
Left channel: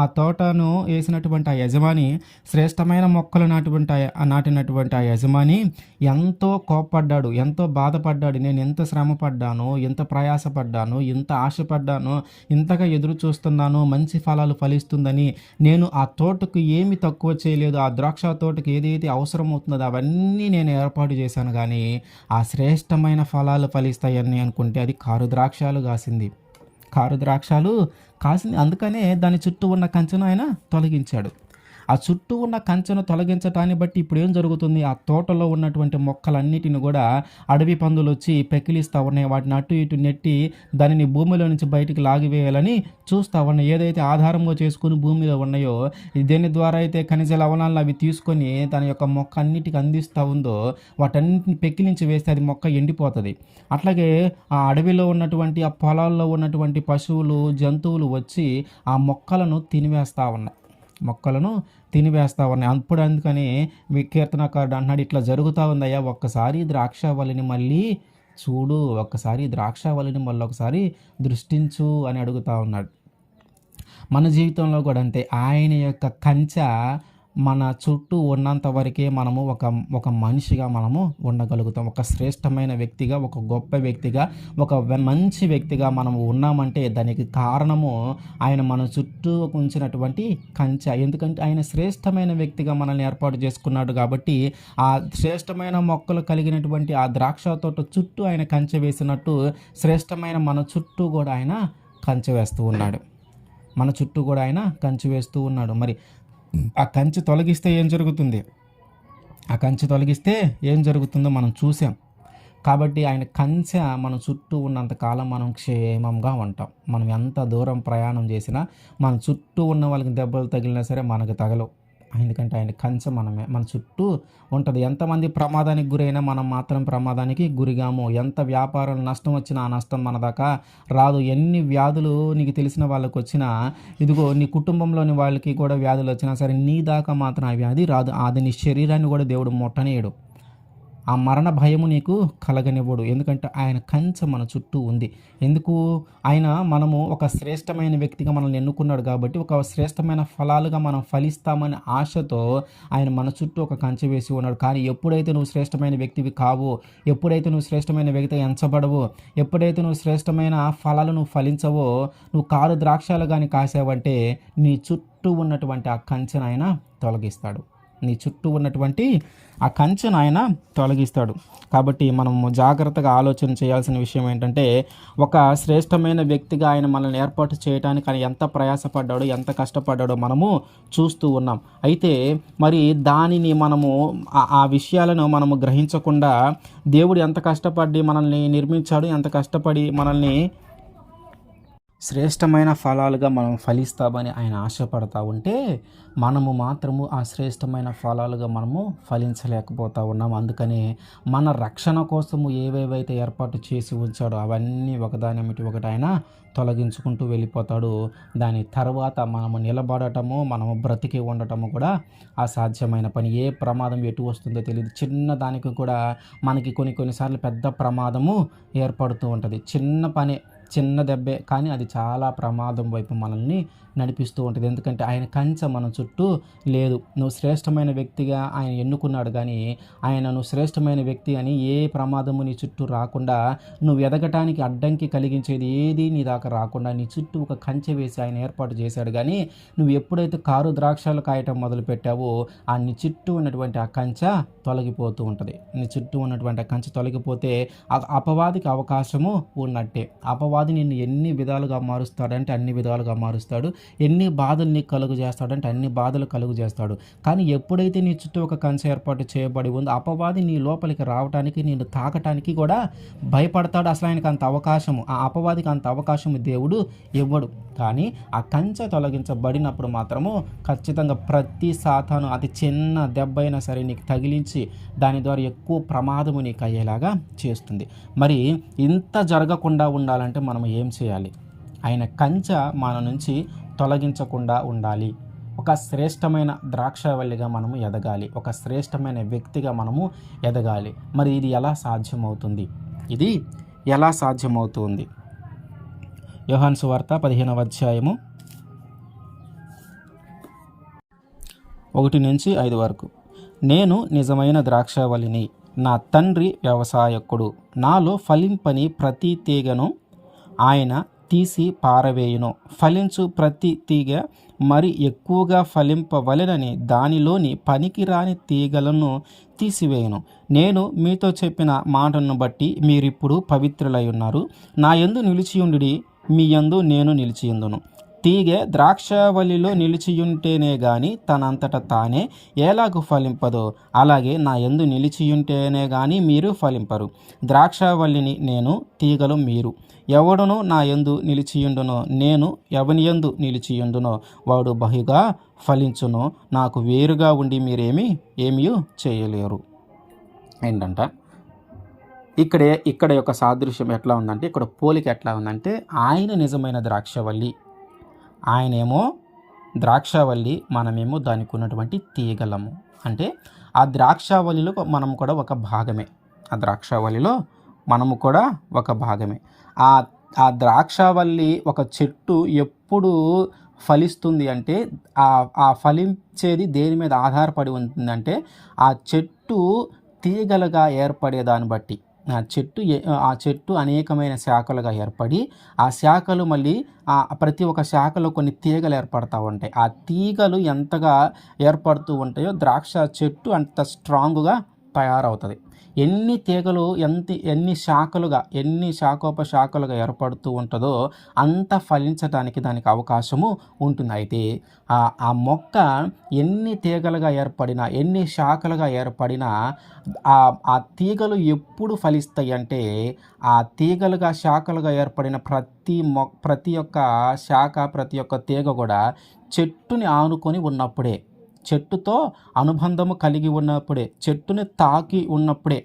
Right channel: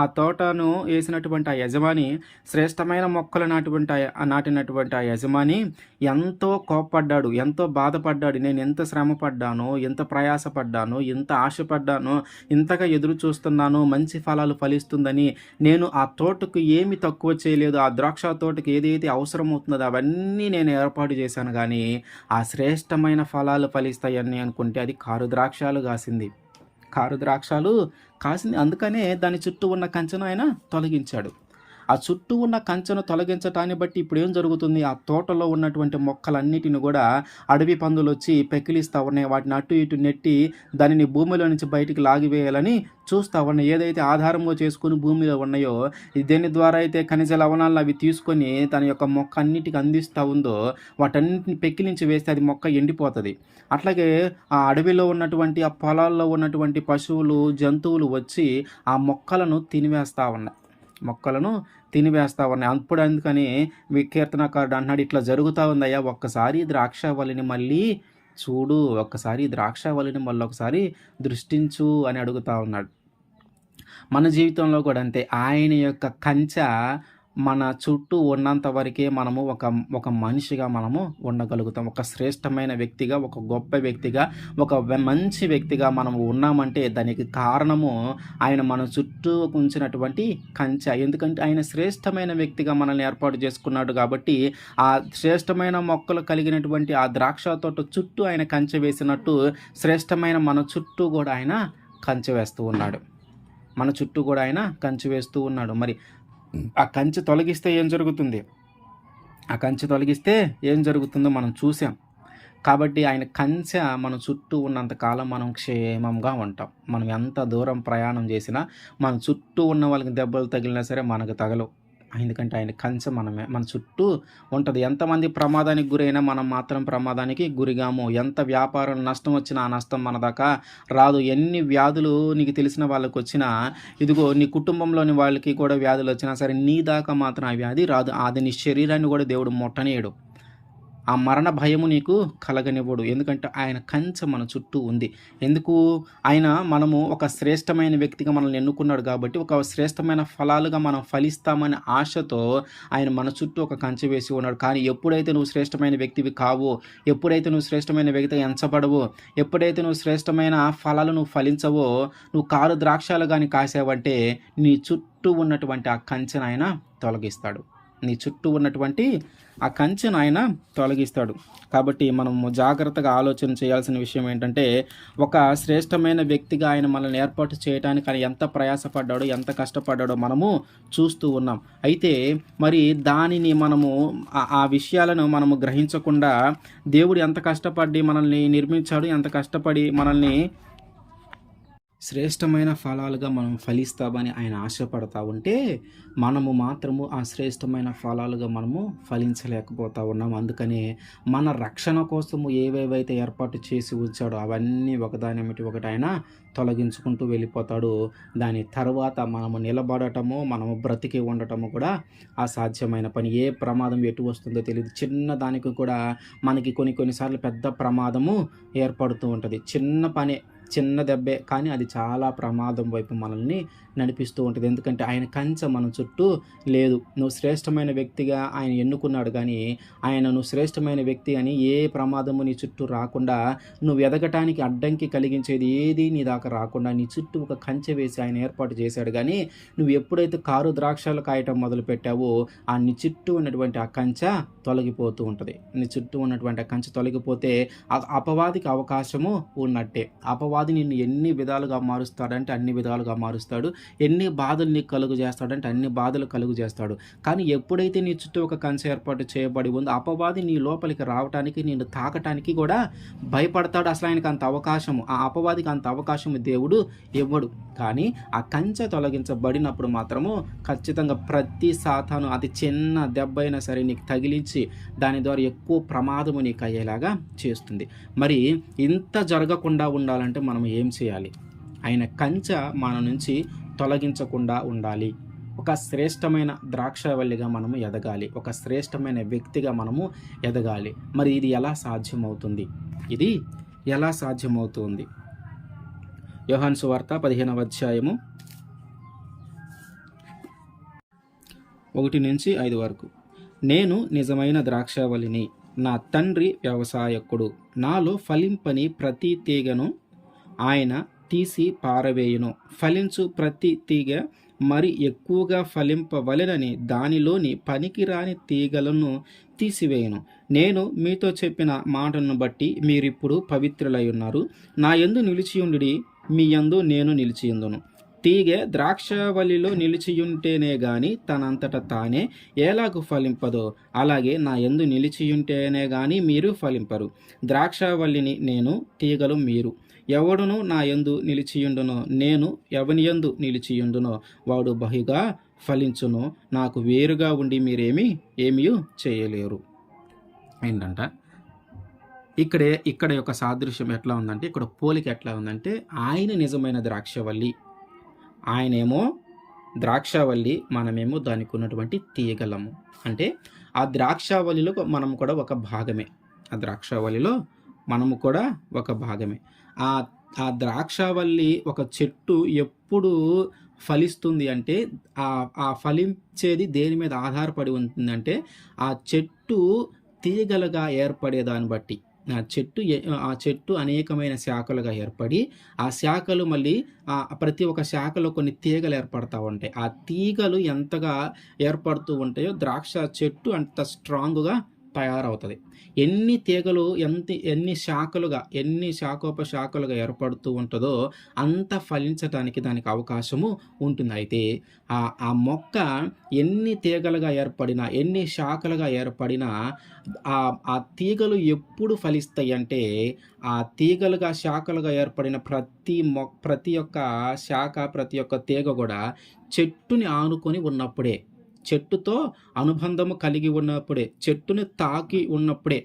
ఆ తోటను వేసినటువంటి ఆ యజమాని, శ్రేష్టమైన మొక్కలు నాటినటువంటి ఆ యజమాని ఎంతో కోప్పడ్డాడు, ఎంతో బాధపడ్డాడు. నేను ఎంత శ్రమ పడ్డానో, ఎంత ప్రయాసపడ్డానో, ఎంత ఆశపడ్డానో, ఇంతగా ఎదురు చూస్తున్నానో మంచి ఫలాలు ఫలిస్తుందని. నేను ఆ తోటకు ఏమి తక్కువ చేయలేదు. ఆ ద్రాక్ష తోటకు ఏదైతే అవసరమవుతుందో అవన్నీ నేను ఏర్పాటు చేశాను, కానీ ఆ శ్రేష్టమైన ఫలాలు ఫలిస్తాయని అనుకుంటే అది కారు ద్రాక్ష కాసింది. అందుకనే దాని చుట్టూ ఉన్న కంచెను ఆయన తొలగించాడు. ఆ చుట్టూ ఉన్న కంచెను తొలగించటాన్ని బట్టి ఇప్పుడు ఏం జరుగుతుంది? ఆ తోటలో ఉన్నటువంటి మొక్కలన్నిటిని కూడా అడవి పందులు వచ్చి పెకిలిస్తూ ఉన్నాయి. వాటిని అటు ఇటు నెట్టి దానిని భూమిలో నుంచి బయటికి లాగివేయాలని చూస్తూ ఉన్నాయి. ఏదైతే ఆధారంగా చేసుకుని భూమిలో ఉన్నాయో, దేని ద్వారా అయితే ఖనిజ లవణాలను అవి తీసుకొని తన యొక్క మొక్క అన్నిటికి అందిస్తూ ఉందో వాటన్నిటిని పెకిలించి వేస్తే అది మొక్క ఎండిపోతుంది. అట్లాగే ఆ అడవిలో ఉన్నటువంటి, ఆ పొలాల్లో ఉన్నటువంటి పశువులు, జంతువులు వచ్చి ఆ మొక్కలను తినివేస్తూ ఉన్నాయి. అందుకని కీర్తనకారుడు అన్నాడు, ఇట్లా జరుగుతూ ఉందయ్యా, ఒక్కసారి ద్రాక్షవల్లిని మళ్ళీ చూడు ఒక్కసారి ఈ ద్రాక్షావల్లిని మళ్ళొకసారి దృష్టించు అని అడుగుతా ఉన్నాడు. మన జీవితంలో కూడా అంతే. ఆయన యొక్క కంచె మన చుట్టూ ఉన్నంత వరకే మనము ఒక మనిషిగా మనము ఉండగలుగుతాం. ఒక శ్రేష్టమైన వ్యక్తిగా, ఒక గొప్ప వ్యక్తిగా, మంచి వ్యక్తిగా మనము ఉన్నామంటే దానికి కారణము ఆయన మన చుట్టూ ఉంచినటువంటి కంచె. ఎందుకంటే ఆయన శ్రేష్టమైన వ్యక్తిగా మనల్ని ఏర్పాటు చేసుకున్నాడు కాబట్టి, ఆ శ్రేష్టమైన మొక్కలు కలిగినటువంటి ఆ ద్రాక్ష తోట చుట్టూ ఆయన కంచె వేసినట్టు శ్రేష్టమైన మన చుట్టూ కూడా ఆయన కంచె వేస్తూ ఉన్నాడు. మన చుట్టూ కూడా ఆయన కంచె వేస్తూ ఉన్నాడు. మరి ఆ కంచె తొలగిస్తే ఏం జరుగుతుంది? ఆ కంచె తొలగిస్తే ఏం జరుగుతుందో మనం చూసాం. కాబట్టి ఆయన కంచె మన చుట్టూ ఉన్నంత కాలం మనం క్షేమంగా ఉంటాం. మనం ఎంత దూరం ప్రయాణం చేసినా మన చుట్టూ ఉన్న వాళ్ళకి దెబ్బలు తగిలినా సరే మనకు తగలవు. ఎందుకంటే ఆయన కంచె మన చుట్టూ ఉంటుంది. ఎంతమంది ప్రమాదానికి గురైనా మనం మాత్రం ప్రమాదానికి గురిగాము. ఎంత వ్యాపారం నష్టం వచ్చినా ఆ నష్టం మన దాకా రాదు. ఎన్ని వ్యాధులు నీకు తెలిసిన వాళ్ళకి వచ్చినా, ఇదిగో నీ కుటుంబంలోని వాళ్ళకి కూడా వ్యాధులు వచ్చినా సరే నీ దాకా మాత్రం ఆ వ్యాధి రాదు. అది నీ శరీరాన్ని కూడా దేవుడు ముట్టనీయడు. ఆ మరణ భయము నీకు కలగనివ్వడు. ఎందుకంటే ఆయన కంచె మన చుట్టూ ఉంది. ఎందుకు? మనము ఒక శ్రేష్టమైన వ్యక్తిగా మనల్ని ఎన్నుకున్నాడు కాబట్టి, ఒక శ్రేష్టమైన ఫలాలుగా మనం ఫలిస్తామనే ఆశతో ఆయన మన చుట్టూ ఒక కంచె వేసి ఉన్నాడు. కానీ ఎప్పుడైతే నువ్వు శ్రేష్టమైన వ్యక్తివి కావో, ఎప్పుడైతే నువ్వు శ్రేష్టమైన వ్యక్తిగా ఎంచబడవో, ఎప్పుడైతే నువ్వు శ్రేష్టమైన ఫలాలు నువ్వు ఫలించవో, నువ్వు కారు ద్రాక్షాలు కానీ కాసావంటే నీ చుట్టూ ఉన్నటువంటి ఆ కంచెను ఆయన తొలగిస్తాడు. నీ చుట్టూ ఉన్నటువంటి ఆ కంచెను ఆయన తొలగిస్తాడు. కాబట్టి మనము జాగ్రత్తగా ఆలోచన చేయాల్సిన విషయం ఏంటంటే, ఒక శ్రేష్టమైన వ్యక్తిగా ఆయన మనల్ని ఏర్పాటు చేయడానికి ఆయన ఎంత ప్రయాసపడ్డాడో, ఎంత కష్టపడ్డాడో మనము చూస్తూ ఉన్నాం. అయితే మరి దానిని మనము ఆ విషయాలను మనము గ్రహించకుండా దేవుడు ఎంత కష్టపడి మనల్ని నిర్మించాడు, ఎంత కష్టపడి మనల్ని శ్రేష్టమైన ఫలాలుగా మనం ఫలిస్తామని ఆయన ఆశపడతా ఉంటే, మనము మాత్రము ఆ శ్రేష్టమైన ఫలాలుగా మనము ఫలించలేకపోతా ఉన్నాం. అందుకని మన రక్షణ కోసము ఏవేవైతే ఏర్పాటు చేసి ఉంచాడో అవన్నీ ఒకదానిమిటి ఒకటి ఆయన తొలగించుకుంటూ వెళ్ళిపోతాడు. దాని తర్వాత మనము నిలబడటము, మనము బ్రతికి ఉండటము కూడా అసాధ్యమైన పని. ఏ ప్రమాదం ఎటు వస్తుందో తెలియదు. చిన్న దానికి కూడా మనకి కొన్నిసార్లు పెద్ద ప్రమాదము ఏర్పడుతూ ఉంటుంది. చిన్న పని, చిన్న దెబ్బే, కానీ అది చాలా ప్రమాదం వైపు మనల్ని నడిపిస్తూ ఉంటుంది. ఎందుకంటే ఆయన కంచె మన చుట్టూ లేదు. నువ్వు శ్రేష్టమైన వ్యక్తిగా ఆయన ఎన్నుకున్నాడు, కానీ నువ్వు శ్రేష్టమైన వ్యక్తి అని ఏ ప్రమాదము నీ చుట్టూ రాకుండా, నువ్వు ఎదగటానికి అడ్డంకి కలిగించేది ఏది నీ దాకా రాకుండా నీ చుట్టూ ఒక కంచె వేసి ఆయన ఏర్పాటు చేశాడు. కానీ నువ్వు ఎప్పుడైతే కారు ద్రాక్షాలు కాయటం మొదలు పెట్టావో, నీ చుట్టూ ఉన్నటువంటి ఆ కంచె తొలగిపోతూ ఉంటుంది. నీ చుట్టూ ఉన్నటువంటి ఆ కంచె తొలగిపోతే అపవాదికి అవకాశము ఉన్నట్టే. అపవాది నిన్ను ఎన్ని విధాలుగా మారుస్తాడంటే అన్ని విధాలుగా మారుస్తాడు. ఎన్ని బాధలు నీకు కలుగు చేస్తాడంటే అన్ని బాధలు కలుగు చేస్తాడు. కానీ ఎప్పుడైతే నీ చుట్టూ ఒక కంచె ఏర్పాటు చేయబడి ఉందో, అపవాది నీ లోపలికి రావటానికి, నిన్ను తాకటానికి కూడా భయపడతాడు. అసలు ఆయనకు అంత అవకాశము, ఆ అపవాదికి అంత అవకాశం దేవుడు ఇవ్వడు. కానీ ఆ కంచె తొలగించబడినప్పుడు మాత్రము ఖచ్చితంగా ప్రతి సాతాను అతి చిన్న దెబ్బ అయినా సరే నీకు తగిలించి దాని ద్వారా ఎక్కువ ప్రమాదము నీకు అయ్యేలాగా చేస్తుంది. మరి ఇంత జరగకుండా ఉండాలంటే మనం ఏం చేయాలి? ఆయన కంచె మన నుంచి తొలగించకుండా ఉండాలి. ఒక శ్రేష్టమైన ద్రాక్షావల్లిగా మనము ఎదగాలి. ఒక శ్రేష్టమైన వ్యక్తిగా మనము ఎదగాలి. మరి ఇది ఎలా సాధ్యమవుతుంది? యోహాను సువార్త 15వ అధ్యాయము 1-5 వరకు. నేను నిజమైన ద్రాక్షావల్లిని, నా తండ్రి వ్యవసాయకుడు. నాలో ఫలింపని ప్రతి తీగను ఆయన తీసి పారవేయును. ఫలించు ప్రతి తీగ మరి ఎక్కువగా ఫలింపవలెనని దానిలోని పనికిరాని తీగలను తీసివేయును. నేను మీతో చెప్పిన మాటను బట్టి మీరిప్పుడు పవిత్రులై ఉన్నారు. నా యందు నిలిచియుండి మీ యందు నేను నిలిచియుందును. తీగె ద్రాక్షావల్లిలో నిలిచియుంటేనే గాని తనంతట తానే ఎలాగు ఫలింపదో, అలాగే నా యందు నిలిచియుంటేనే గాని మీరు ఫలింపరు. ద్రాక్షావల్లిని నేను, తీగలు మీరు. ఎవడును నా యందు నిలిచియుండునో, నేను ఎవని యందు నిలిచియుండునో వాడు బహుగా ఫలించును. నాకు వేరుగా ఉండి ఏమీ చేయలేరు. ఏంటంట ఇక్కడ యొక్క సాదృశ్యం ఎట్లా ఉందంటే, ఇక్కడ పోలిక ఎట్లా ఉందంటే, ఆయన నిజమైన ద్రాక్షవల్లి, ఆయనేమో ద్రాక్షావల్లి, మనమేమో దానికి ఉన్నటువంటి తీగలము. అంటే ఆ ద్రాక్షావల్లిలో మనం కూడా ఒక భాగమే. ఆ ద్రాక్షావల్లిలో మనము కూడా ఒక భాగమే. ఆ ఆ ద్రాక్షావల్లి ఒక చెట్టు ఎప్పుడు ఫలిస్తుంది అంటే ఆ ఫలించేది దేని మీద ఆధారపడి ఉంటుందంటే ఆ చెట్టు తీగలుగా ఏర్పడే దాన్ని బట్టి. ఆ చెట్టు అనేకమైన శాఖలుగా ఏర్పడి, ఆ శాఖలు మళ్ళీ ప్రతి ఒక్క శాఖలో కొన్ని తీగలు ఏర్పడతా ఉంటాయి. ఆ తీగలు ఎంతగా ఏర్పడుతూ ఉంటాయో ద్రాక్ష చెట్టు అంత స్ట్రాంగ్‌గా తయారవుతది. ఎన్ని తీగలు ఎన్ని శాఖోపశాఖలుగా ఏర్పడుతూ ఉంటదో అంత ఫలించటానికి దానికి అవకాశము ఉంటుంది. అయితే ఆ మొక్క ఎన్ని తీగలుగా ఏర్పడినా, ఎన్ని శాఖలుగా ఏర్పడినా ఆ తీగలు ఎప్పుడు ఫలిస్తాయంటే, ఆ తీగలుగా, శాఖలుగా ఏర్పడిన ప్రతి ఒక్క శాఖ, ప్రతి ఒక్క తీగ గూడా చెట్టుని ఆనుకొని ఉన్నప్పుడే, చెట్టుతో అనుబంధము కలిగి ఉన్నప్పుడే, చెట్టుని తాకి ఉన్నప్పుడే.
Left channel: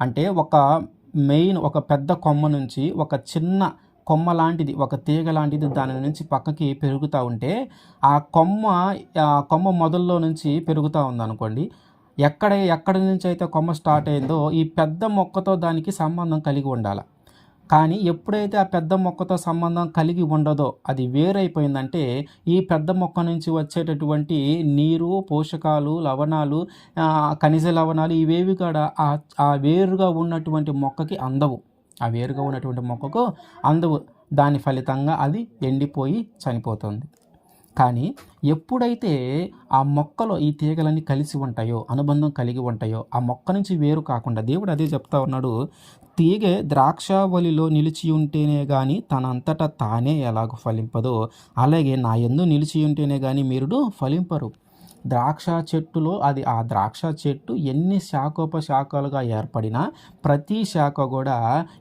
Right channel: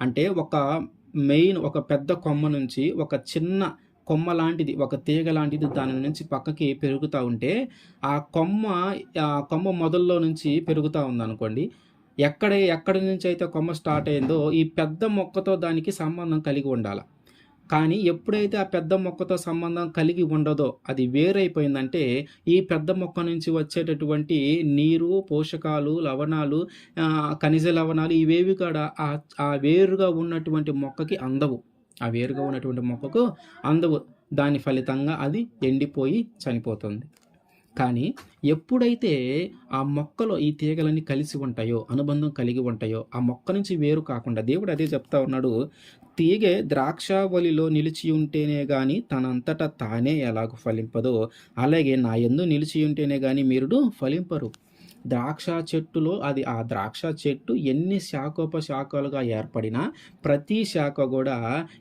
అంటే ఒక పెద్ద కొమ్మ నుంచి ఒక చిన్న కొమ్మ లాంటిది, ఒక తీగ లాంటిది దాని నుంచి పక్కకి పెరుగుతా ఉంటే, ఆ కొమ్మ మొదల్లో నుంచి పెరుగుతా ఉందనుకోండి. ఎక్కడి నుంచయితే కొమ్మ స్టార్ట్ అయిందో ఈ పెద్ద మొక్కతో దానికి సంబంధం కలిగి ఉండాల. కానీ ఎప్పుడైతే ఆ పెద్ద మొక్కతో సంబంధం కలిగి ఉండదో, అది వేరైపోయిందంటే, ఈ పెద్ద మొక్క నుంచి వచ్చేటటువంటి నీరు, పోషకాలు, లవణాలు, ఖనిజ లవణాలు ఇవేవి కూడా ఆ వేరుగా ఉన్నటువంటి మొక్కకి అందవు. ఆ వేరుగా ఉన్నటువంటి మొక్కకు అందవు. దాని ఫలితంగా అది ఎండిపోయి చనిపోతుంది. కానీ ఎప్పుడైతే ఆ మొక్కలో ఈ తీగలన్నీ కలిసి ఉంటాయో, అనుబంధం కలిగి ఉంటాయో, ఆ మొక్క నుంచి వేరు కాకుండా దేవుడు అదే చెప్తా ఉన్నాడు. తీగె ద్రాక్షావల్లిలో నిలిచియుంటేనే గాని తనంతట తానే ఎలాగు ఫలింపదో, అలాగే నా యందు నిలిచియుంటేనే గాని మీరుడు ఫలింపరు. ఆ ద్రాక్ష చెట్టు ఎన్ని శాఖోపశాఖలుగా ఏర్పడినా ప్రతి శాఖ గూడా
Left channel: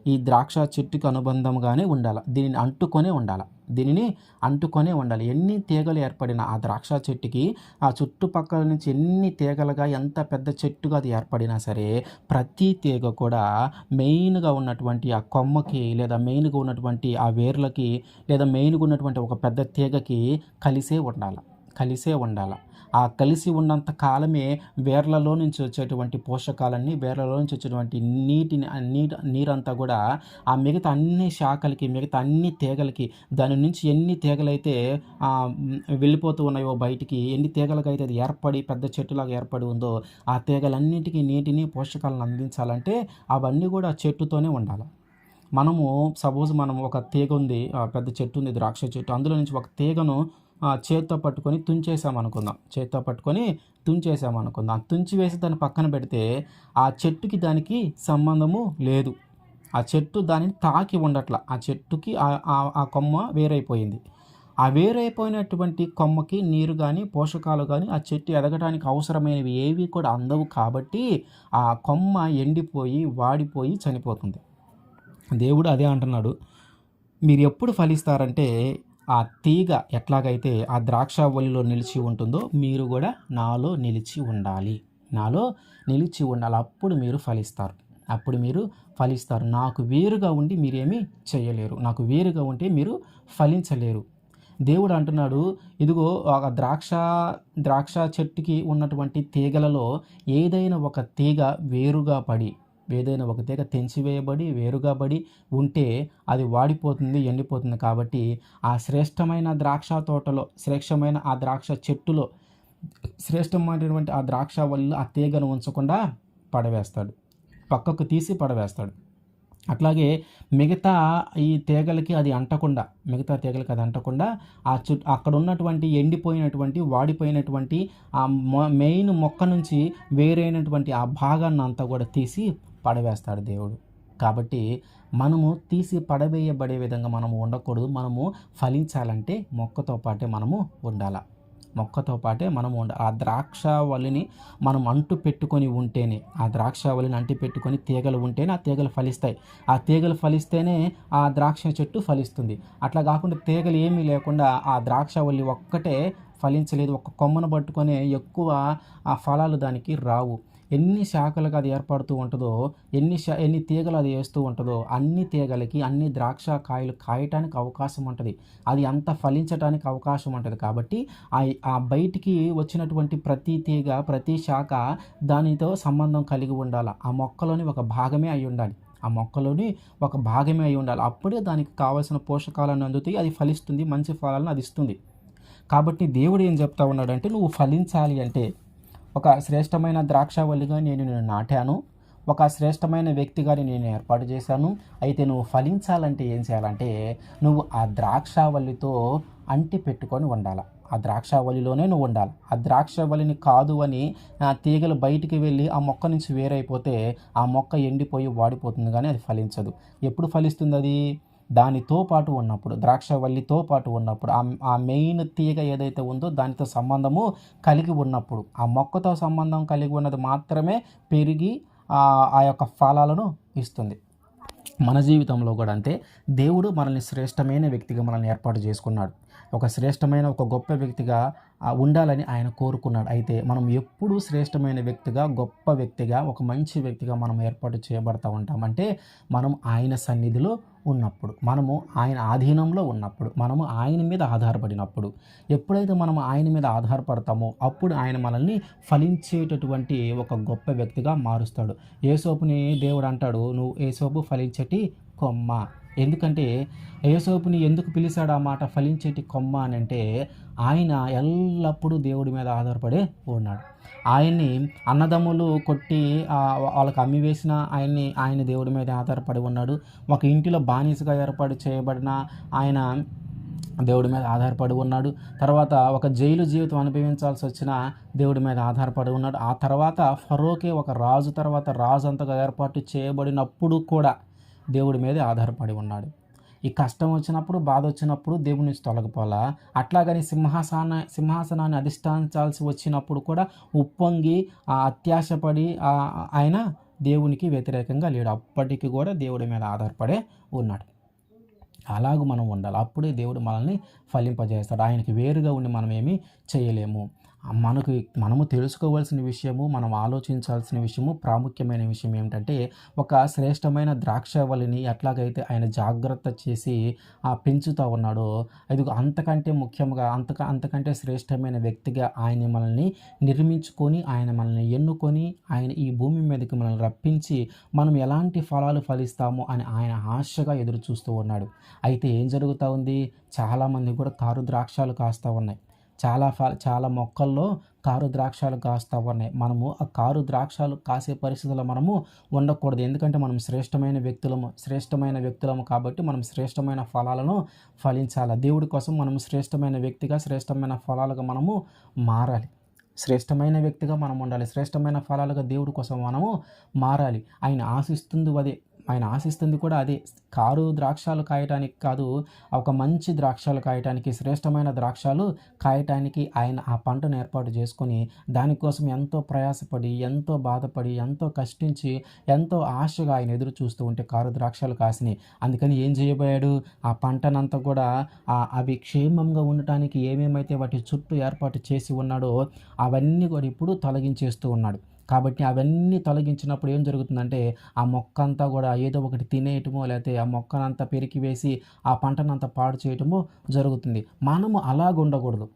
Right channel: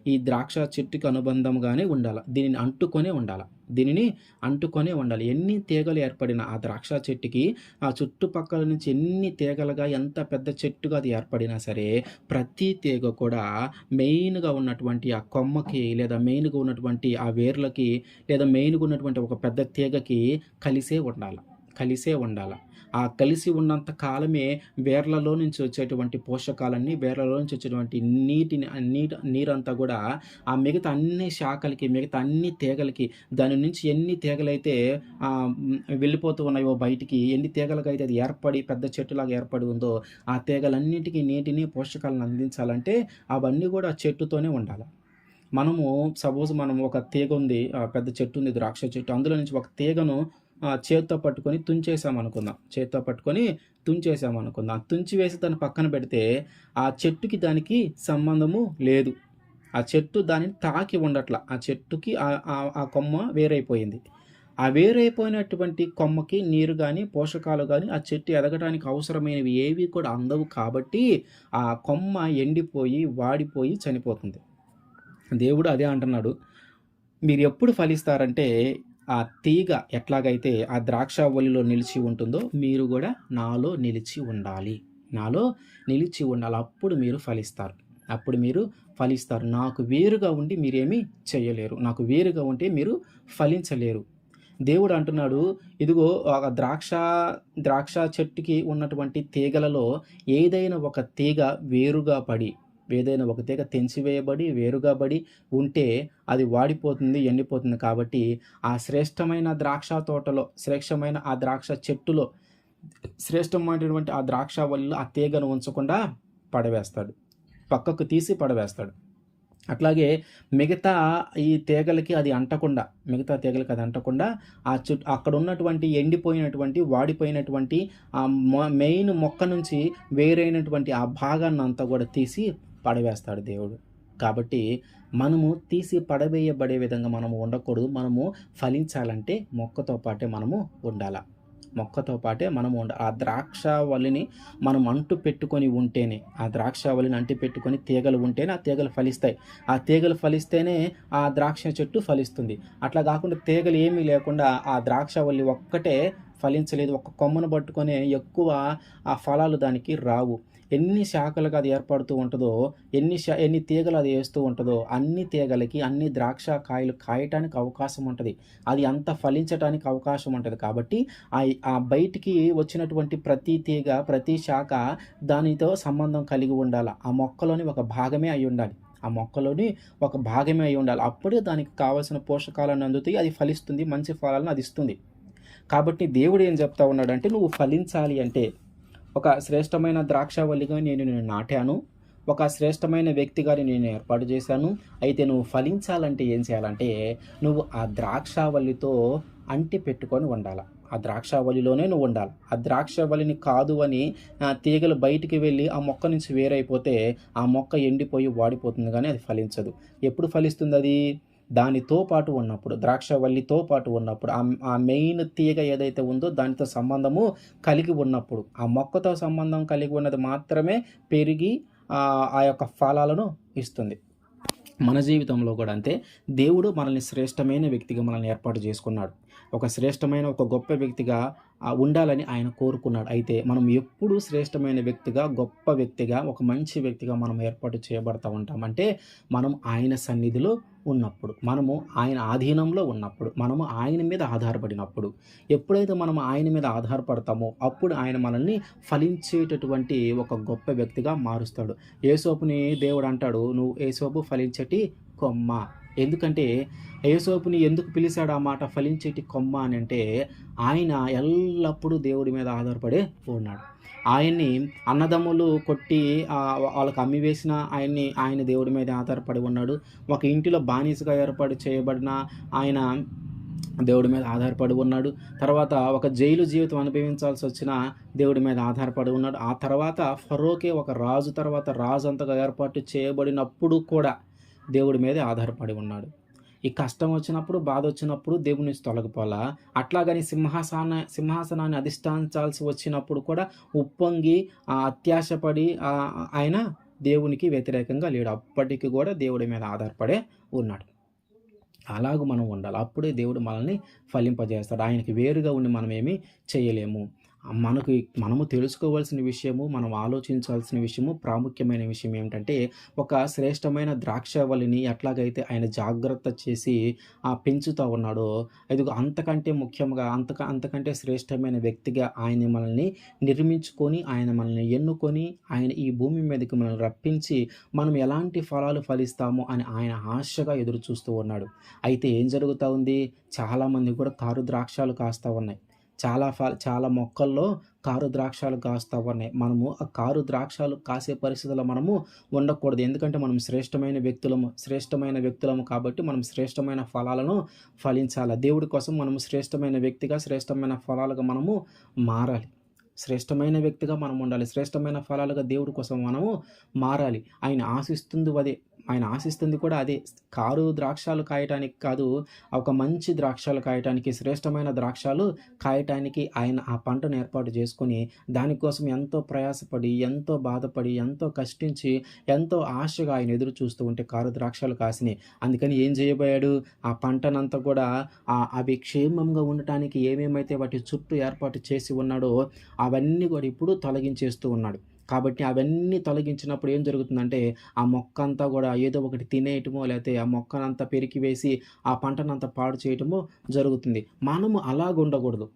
ఈ ద్రాక్ష చెట్టుకి అనుబంధంగానే ఉండాల. దీనిని అంటుకొనే ఉండాలి. ఎన్ని తీగలు ఏర్పడినా ఆ ద్రాక్ష చెట్టుకి ఆ చుట్టుపక్కల నుంచి ఎన్ని తీగలుగా, ఎంత పెద్ద చెట్టుగా అది ఏర్పడినా సరే, ప్రతి తీగ కూడా మెయిన్‌గా ఉన్నటువంటి ఆ కొమ్మకి, లేదా మెయిన్‌గా ఉన్నటువంటి ఆ వేర్లకి, లేదా మెయిన్‌గా ఉన్నటువంటి ఒక పెద్ద తీగకి కలిసే ఉండాల. ఆ కలిసి ఉన్నంత కాలమే వేర్లలో నుంచి వచ్చేటువంటి పోషకాలన్నీ, వేర్లలో నుంచి వచ్చేటువంటి నీరంతా కూడా ఆ మిగతా అన్ని శాఖలకి, మిగతా అన్ని తీగలకి, దాని నుంచి ఎన్ని తీగలైతే వెళ్ళిపోతూ ఉన్నాయో బయటికి, ఎన్ని తీగలుగా అయితే అది ఏర్పడి పెద్ద చెట్టులాగా ఏర్పడి ఉందో, ఆ తీగలన్నిటికీ నీటిని, పోషకాలను అందించాలంటే అవన్నీ కూడా చెట్టుతోనే ఉండాలి. మనం ఒక తీగ ఉంది, పెద్ద చెట్టు ఉంది, ద్రాక్ష చెట్టు. అందులో నుంచి ఒక తీగను చేత్తో పట్టుకొని తుంచేసామనుకుందాం. తుంచివేసి దాన్ని పక్కన పెడితే ఆ చెట్టుకి దానికి సంబంధము లేదు. ఆ చెట్టు దానిని తాకి ఉండట్ల. ఆ చెట్టుకి ఆ కొమ్మ వేరైపోయింది. ఆ వేరైపోయినటువంటి కొమ్మకి నీరు గాని, పోషకాలు గాని ఆ చెట్టు ఎదగడానికి అవసరమైనవి ఏవి కూడా అందవు కాబట్టి ఆ కొమ్మ ఎండిపోయి, వాడిపోయి చనిపోతుంది. దేవుడు అదే అంటున్నాడు. మీరు ఎప్పుడు ఫలిస్తారంటే, ఆ తీగ ఎట్లాగైతే ఆ ద్రాక్షావల్లిలో నిలిచి ఉంటుందో, మీరు కూడా నాలో నిలిచి ఉండాలి. అప్పుడు మీరు ఫలిస్తారు. నాకు వేరుగా ఉండి మీరేమీ చేయలేరు. నాకు వేరుగా ఉంటే మీరు ఫలించలేరు. దేవుడు అంటున్నాడు, ఇదిగో ద్రాక్ష చెట్టుకి ఉన్నటువంటి తీగలలో ఏదైనా ఒక తీగ తెంచివేయబడి వేరుగా పడి ఉంటే అది వాడిపోతుంది, ఎండిపోతుంది. కాబట్టి ఆ శ్రేష్టమైన ద్రాక్ష తోటలో, శ్రేష్టమైన ఆ ద్రాక్ష చెట్టులో, శ్రేష్టమైనటువంటి ఆ ద్రాక్షావల్లిలో ఆ తీగను ఉంచకుండా పక్కకు తీసి పడవేస్తాడు. అట్లాగే మిగతా తీగలకి అది అంటకుండా అక్కడ ఉన్నటువంటి ఎండిపోయినటువంటి, వాడిపోయినటువంటి ఆ మెయిన్ మొక్క నుంచి వేరైనటువంటి ఆ భాగాన్ని అంతా కూడా తీసి పడవేస్తాడు దేవుడు. కాబట్టి మనము తీసి పడవేయబడే విధంగా మనము ఉండకూడదు. మనము ఫలించాలంటే మొక్కతో పాటే మనము ఉండాలి. ఆ ద్రాక్షావల్లిని మనం అంటు పెట్టుకొని ఉంటేనే, తీగలు ఉంటేనే ఆ తీగలు ఫలిస్తాయి. ఆ తీగలు ఫలిస్తేనే ఆ ద్రాక్ష చెట్టు ఫలిస్తుంది. అట్లా కాకుండా తీగలు ఏమీ లేకుండా ఆ ద్రాక్షావల్లి ఒక్కటే ఫలించలేదు, ఒక్క కొమ్మను పట్టుకొని ఎక్కువ ఆ ఫలాలు దానికి రావు. ఎన్ని శాఖలుగా అది ఏర్పడుతూ ఉంటుందో, ఎన్ని తీగలు అది వేస్తూ ఉంటుందో, అన్ని తీగలకి అన్ని ద్రాక్ష కాయలు కాయటానికి అవకాశం ఉంటుంది. అది అంత ఫలించటానికి అవకాశం ఉంటుంది. కాబట్టి ఆ బయటికి వచ్చినటువంటి ప్రతి తీగ, ప్రతి శాఖ దానితో సంబంధం కలిగి ఉండాలి. ఆ మొక్కలోని ఒక భాగమే అయి ఉండాలి. ఆ మొక్కలోని ఒక భాగమే అయి ఉండాలి. అప్పుడే దానికి కావాల్సిన పోషకాలన్నీ అందుతాయి. అది ఫలిస్తుంది. మంచి ఫలాలను అది ఇస్తుంది. కాబట్టి దేవుడు ఏం చెప్తా ఉన్నాడంటే, నువ్వు ఫలించాలి అంటే, ఒక శ్రేష్టమైన ద్రాక్షావల్లిగా నేను నిన్ను నాటాను. ఒక శ్రేష్టమైన వ్యక్తిగా నేను ఏర్పాటు చేశాను. అయితే నువ్వు ఫలించాలంటే ఏం చేయాలంటే, నువ్వు ఆ ద్రాక్షావల్లితో అంటి పెట్టుకొని ఉండాల. ఆ ద్రాక్షావల్లిలోనే నువ్వు ఉండాలి. ఆ ద్రాక్షావల్లిని కాదు అని తీగలు బయటికి వెళ్ళి ఆ మొక్క నుంచి వేరైపోతే, ఆ మొక్క ఎండిపోయి వాడిపోతుంది గానీ అది ఫలించదు. ఎప్పుడు ఫలిస్తుందది? దానితో పాటు ఉన్నప్పుడు, ద్రాక్షవల్లితో పాటు ఉన్నప్పుడు, ఆ మెయిన్ తీగ ఏదైతే ఉందో దానితో సంబంధము కలిగి ఉన్నప్పుడు, ఆ మొక్కతో సంబంధం కలిగి ఉన్నది మాత్రమే పెరిగి ఆ యొక్క ఫలాలను ఇస్తుంది. మన జీవితంలో కూడా అంతే. దేవుడు మనల్ని శ్రేష్టమైన వ్యక్తిగా మనల్ని ఏర్పాటు చేసుకున్నాడు. ఒక శ్రేష్టమైన, ఒక గొప్ప వ్యక్తిగా ఉండాలని ఆయన కోరుకున్నాడు. అయితే మనం ఎప్పుడూ శ్రేష్టమైన వ్యక్తిగా, గొప్ప వ్యక్తిగా, ఒక మంచి వ్యక్తిగా మనం ఏర్పాటు చేయబడతా ఉంటాం. అంటే మనం ఆయన సన్నిధిలో ఉన్నప్పుడు, మనము ఆయన ఆధీనంలో ఉన్నప్పుడు, మనము ఆయన మీద ఆధారపడినప్పుడు. ఎప్పుడైతే మనం ఆయన మీద ఆధారపడతామో అప్పుడు ఆయన మనల్ని ఫలించేటటువంటి ఒక గొప్ప వ్యక్తిగా మారుస్తాడు. యేసోపుని దేవుడు అంటాడు, నువ్వు యేసోపు ఫలించేటి కొమ్మ. ఎందుకంటే యేసోపుని ఎందుకు పిలిచాడు ఆ మాట, ఫలించేటి కొమ్మ అని అంటే, ఆయన ఎల్లప్పుడూ దేవుడి మీద ఆధారపడే ఉన్నాడు. ఆయన్ని అన్నదమ్ములు కొట్టి వాళ్ళకి అమ్మివేసిన ఆయన దేవుడి మీద ఆధారపడి ఉన్నాడు. ఒక ఇంటిలో బానిసగా ఏర్పాటు చేయబడిన ఆయన దేవుడి మీద ఆధారపడి ఉన్నాడు. తర్వాత ఒక జైలు జీవితం అనుభవించాల్సి వచ్చిన దేవుడి మీద ఆధారపడి ఉన్నాడు. ఆ తర్వాత ఫరోకే ఒక రాజు, తర్వాత రాజు అంతగా ఏర్పాటు చేయబడినప్పుడు కూడా దేవుడి మీదే ఆధారపడి ఉన్నాడు. ఈ కష్టం వచ్చినప్పుడు, బాధ వచ్చినప్పుడు దేవుని నుంచి తొలగిపోలా. అట్లాగని సింహాసనాన్ని అధిష్ఠించాల్సి వచ్చినప్పుడు కూడా ఉప్పొంగి అత్యాశపడి ఆయన దేవునికి వ్యతిరేకంగా లేడు. అప్పటికి కూడా దేవుడి మీద ఆధారపడే ఉన్నాడు. అలాగూ మనం ఉండాలి. అప్పుడే దేవుడు మనల్ని ఫలింపజేస్తాడు. ఆయనకి వేరుగా ఉండి మనమేమీ చేయలేము. మనము తెలుసుకోవాల్సిన విషయము, మనం ఆలోచించాల్సిన విషయము, ప్రాముఖ్యమైన విషయం ఏమిటంటే, ఒక శ్రేష్టమైన ద్రాక్షావళిని ఎట్లాగైతే ఆయన జాగ్రత్త చేసి పెంచుతూ ఉన్నాడో, ఇదిగో అంతకంటే ముఖ్యంగా, అంతకంటే శ్రేష్టమైన వ్యక్తిగా ఆయన మనల్ని నిర్మించుకొని, ఆయన మనల్ని ఎన్నుకొని, ఆయన ఈ భూమి మీదకి మనల్ని రప్పించి, మనం ఎలాంటి ఫలాలు ఫలిస్తామో అని ఆయన ఆశగా ఎదురు చూస్తూ ఉన్నాడు. అయితే ఏం జరుగుతూ ఉంది? చాలామంది కూడా కారు ద్రాక్షాలు కాస్తూ ఉన్నాయి. చాలా మొక్కల్లో కారు ద్రాక్షాలు కాస్తా ఉన్నాయి. మనము ఆ కారు ద్రాక్షాలు కాసే పరిస్థితుల్లో మనము ఉండకూడదు. ఎందుకంటే మనం శ్రేష్టమైన వ్యక్తులము కాబట్టి మనం శ్రేష్టమైన ఫలాలను ఫలించాలి. దేవుడి కోసం మనం శ్రేష్టమైన వ్యక్తిగా, శ్రేష్టమైన ఫలాలుగా మనము మారాలి. శ్రేష్టమైన వ్యక్తిగా మనం ఉండాలి. శ్రేష్టమైన ఫలాలుగా దేవుడి కోసం మనము మారాలి. ఆయన ఆశిస్తుంది కూడా అదే. కారు ద్రాక్షాలు కాయటానికి కాదు, ఒక మంచి ద్రాక్షాలు కాయటానికి, శ్రేష్టమైన ద్రాక్షాలు కాయటానికి ఆయన ఆ పంటను ఏర్పాటు చేసుకొని, దానికోసం ఎంతో ప్రయాసపడి, ఎంతో బాధపడి, ఎంతో కష్టించి, ఎంతో ఆశగా ఆయన ఎదురు చూస్తూ ఉంటే కారు ద్రాక్షాలు కాసినాయి. అందుకని ఏం చేయబోయాడు? ఆ పంటనంతా కూడా అవి క్షేమంగా ఉండటానికి ఏమేమైతే వాటి చుట్టూ ఏర్పాటు చేసి ఉన్నాడో అవన్నీ కూడా ఇప్పుడు తొలగించేస్తూ ఉన్నాడు. కాబట్టి అవన్నీ తొలగించినప్పుడు ఏం జరుగుతుందంటే, ఆ మొక్క అంతా కూడా ఏదో ఒకటి తినేయటమో, లేకపోతే ఆ మొక్కనంతా పెరికివేసి ఆ పంటనంతా పాడు చేయటమో జరుగుతుంది. మనము అలాగుండకూడదు.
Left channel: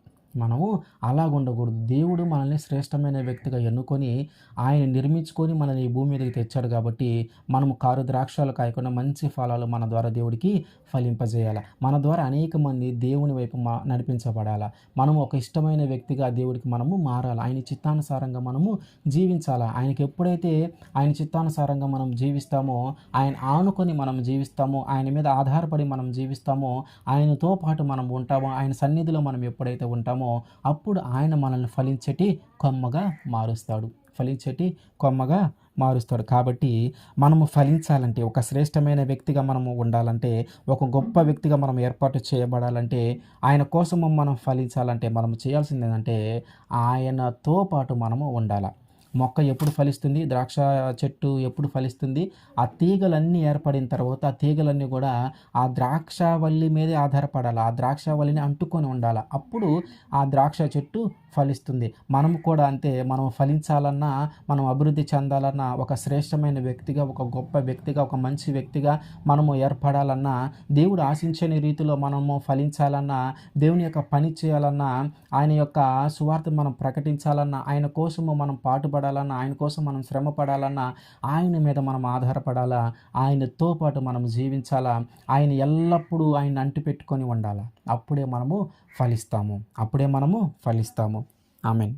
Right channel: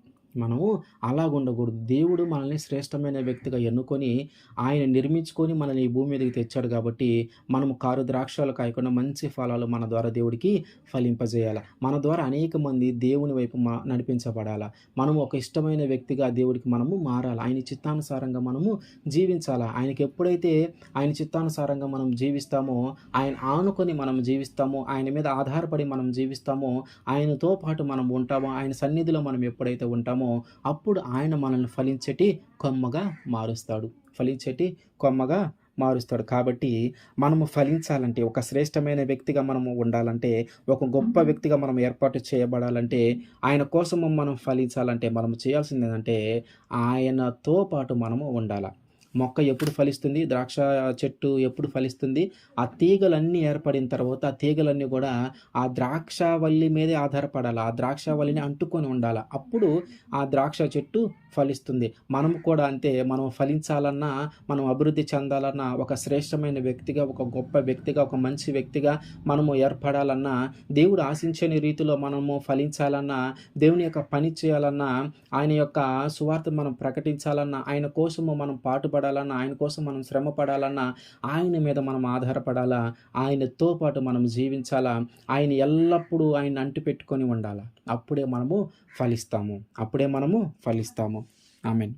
దేవుడు మనల్ని శ్రేష్టమైన వ్యక్తిగా ఎన్నుకొని, ఆయన నిర్మించుకొని మనల్ని ఈ భూమి మీదకి తెచ్చాడు కాబట్టి, మనము కారు ద్రాక్షాలు కాయకుండా మంచి ఫలాలు మన ద్వారా దేవుడికి ఫలింపజేయాలి. మన ద్వారా అనేక మంది దేవుని వైపు నడిపించబడాలి. మనము ఒక ఇష్టమైన వ్యక్తిగా దేవుడికి మనము మారాలి. ఆయన చిత్తానుసారంగా మనము జీవించాలి. ఆయనకి ఎప్పుడైతే ఆయన చిత్తానుసారంగా మనం జీవిస్తామో, ఆయన ఆనుకొని మనం జీవిస్తామో, ఆయన మీద ఆధారపడి మనం జీవిస్తామో, ఆయనతో పాటు మనం ఉంటామో, ఆయన సన్నిధిలో మనం ఎప్పుడైతే ఉంటామో అప్పుడు ఆయన మనల్ని ఫలించేటి కొమ్మగా మారుస్తాడు. కాబట్టి మనము ఫలించాలంటే, ఒక శ్రేష్టమైన వ్యక్తిగా మనము ఉండాలంటే, ఒక గొప్ప వ్యక్తిగా మనం ఏర్పాటు చేయబడాలంటే, ఆయన కోసము మనం ఫలించాలంటే మనం చేయాల్సింది ఏంటంటే, ఆయనతో పాటు మనము ఉండాలి. మొక్క ఎప్పుడు ఫలిస్తుంది? ద్రాక్ష చెట్టు ఎప్పుడు ఫలిస్తుంది? ఆ తీగలన్నీ ఏర్పడిన తర్వాత ఆ తీగలన్నీ కూడా ఆ ద్రాక్షావల్లి మీదే ఆధారపడాలి. ఆ ద్రాక్షావల్లిని అంటుకొని ఉండాలి. అప్పుడు ఆ ద్రాక్ష చెట్టు ఫలిస్తుంది. మనం కూడా అంతే. మనం ఫలించాలన్నా, మనం అభివృద్ధి చెందాలన్నా, ఒక శ్రేష్టమైన వ్యక్తిగా, ఒక గొప్ప వ్యక్తిగా, ఒక మంచి వ్యక్తిగా మనము ఏర్పడాలన్నా, దేవుడు ఆశించని రీతిలో మనము ఫలించాలన్నా, దేవుని యొక్క పని చేయాలన్నా, ఆయన యొక్క సువార్త మనం ప్రకటించాలన్నా, ఆయన కోసము మనం పాటుపడాలన్నా, కష్టపడాలన్నా, ఆయన కోసం మనం శ్రమ పడాలన్నా, ఆయన మీద మనం ఆధారపడాలా, ఆయనతో పాటు మనం జీవించాలా, ఆయన ఎల్లప్పుడూ ఆయన్ని అంటిపెట్టుకొని ఉండాలా. అప్పుడే మనము ఫలిస్తాము. ఆమేన్.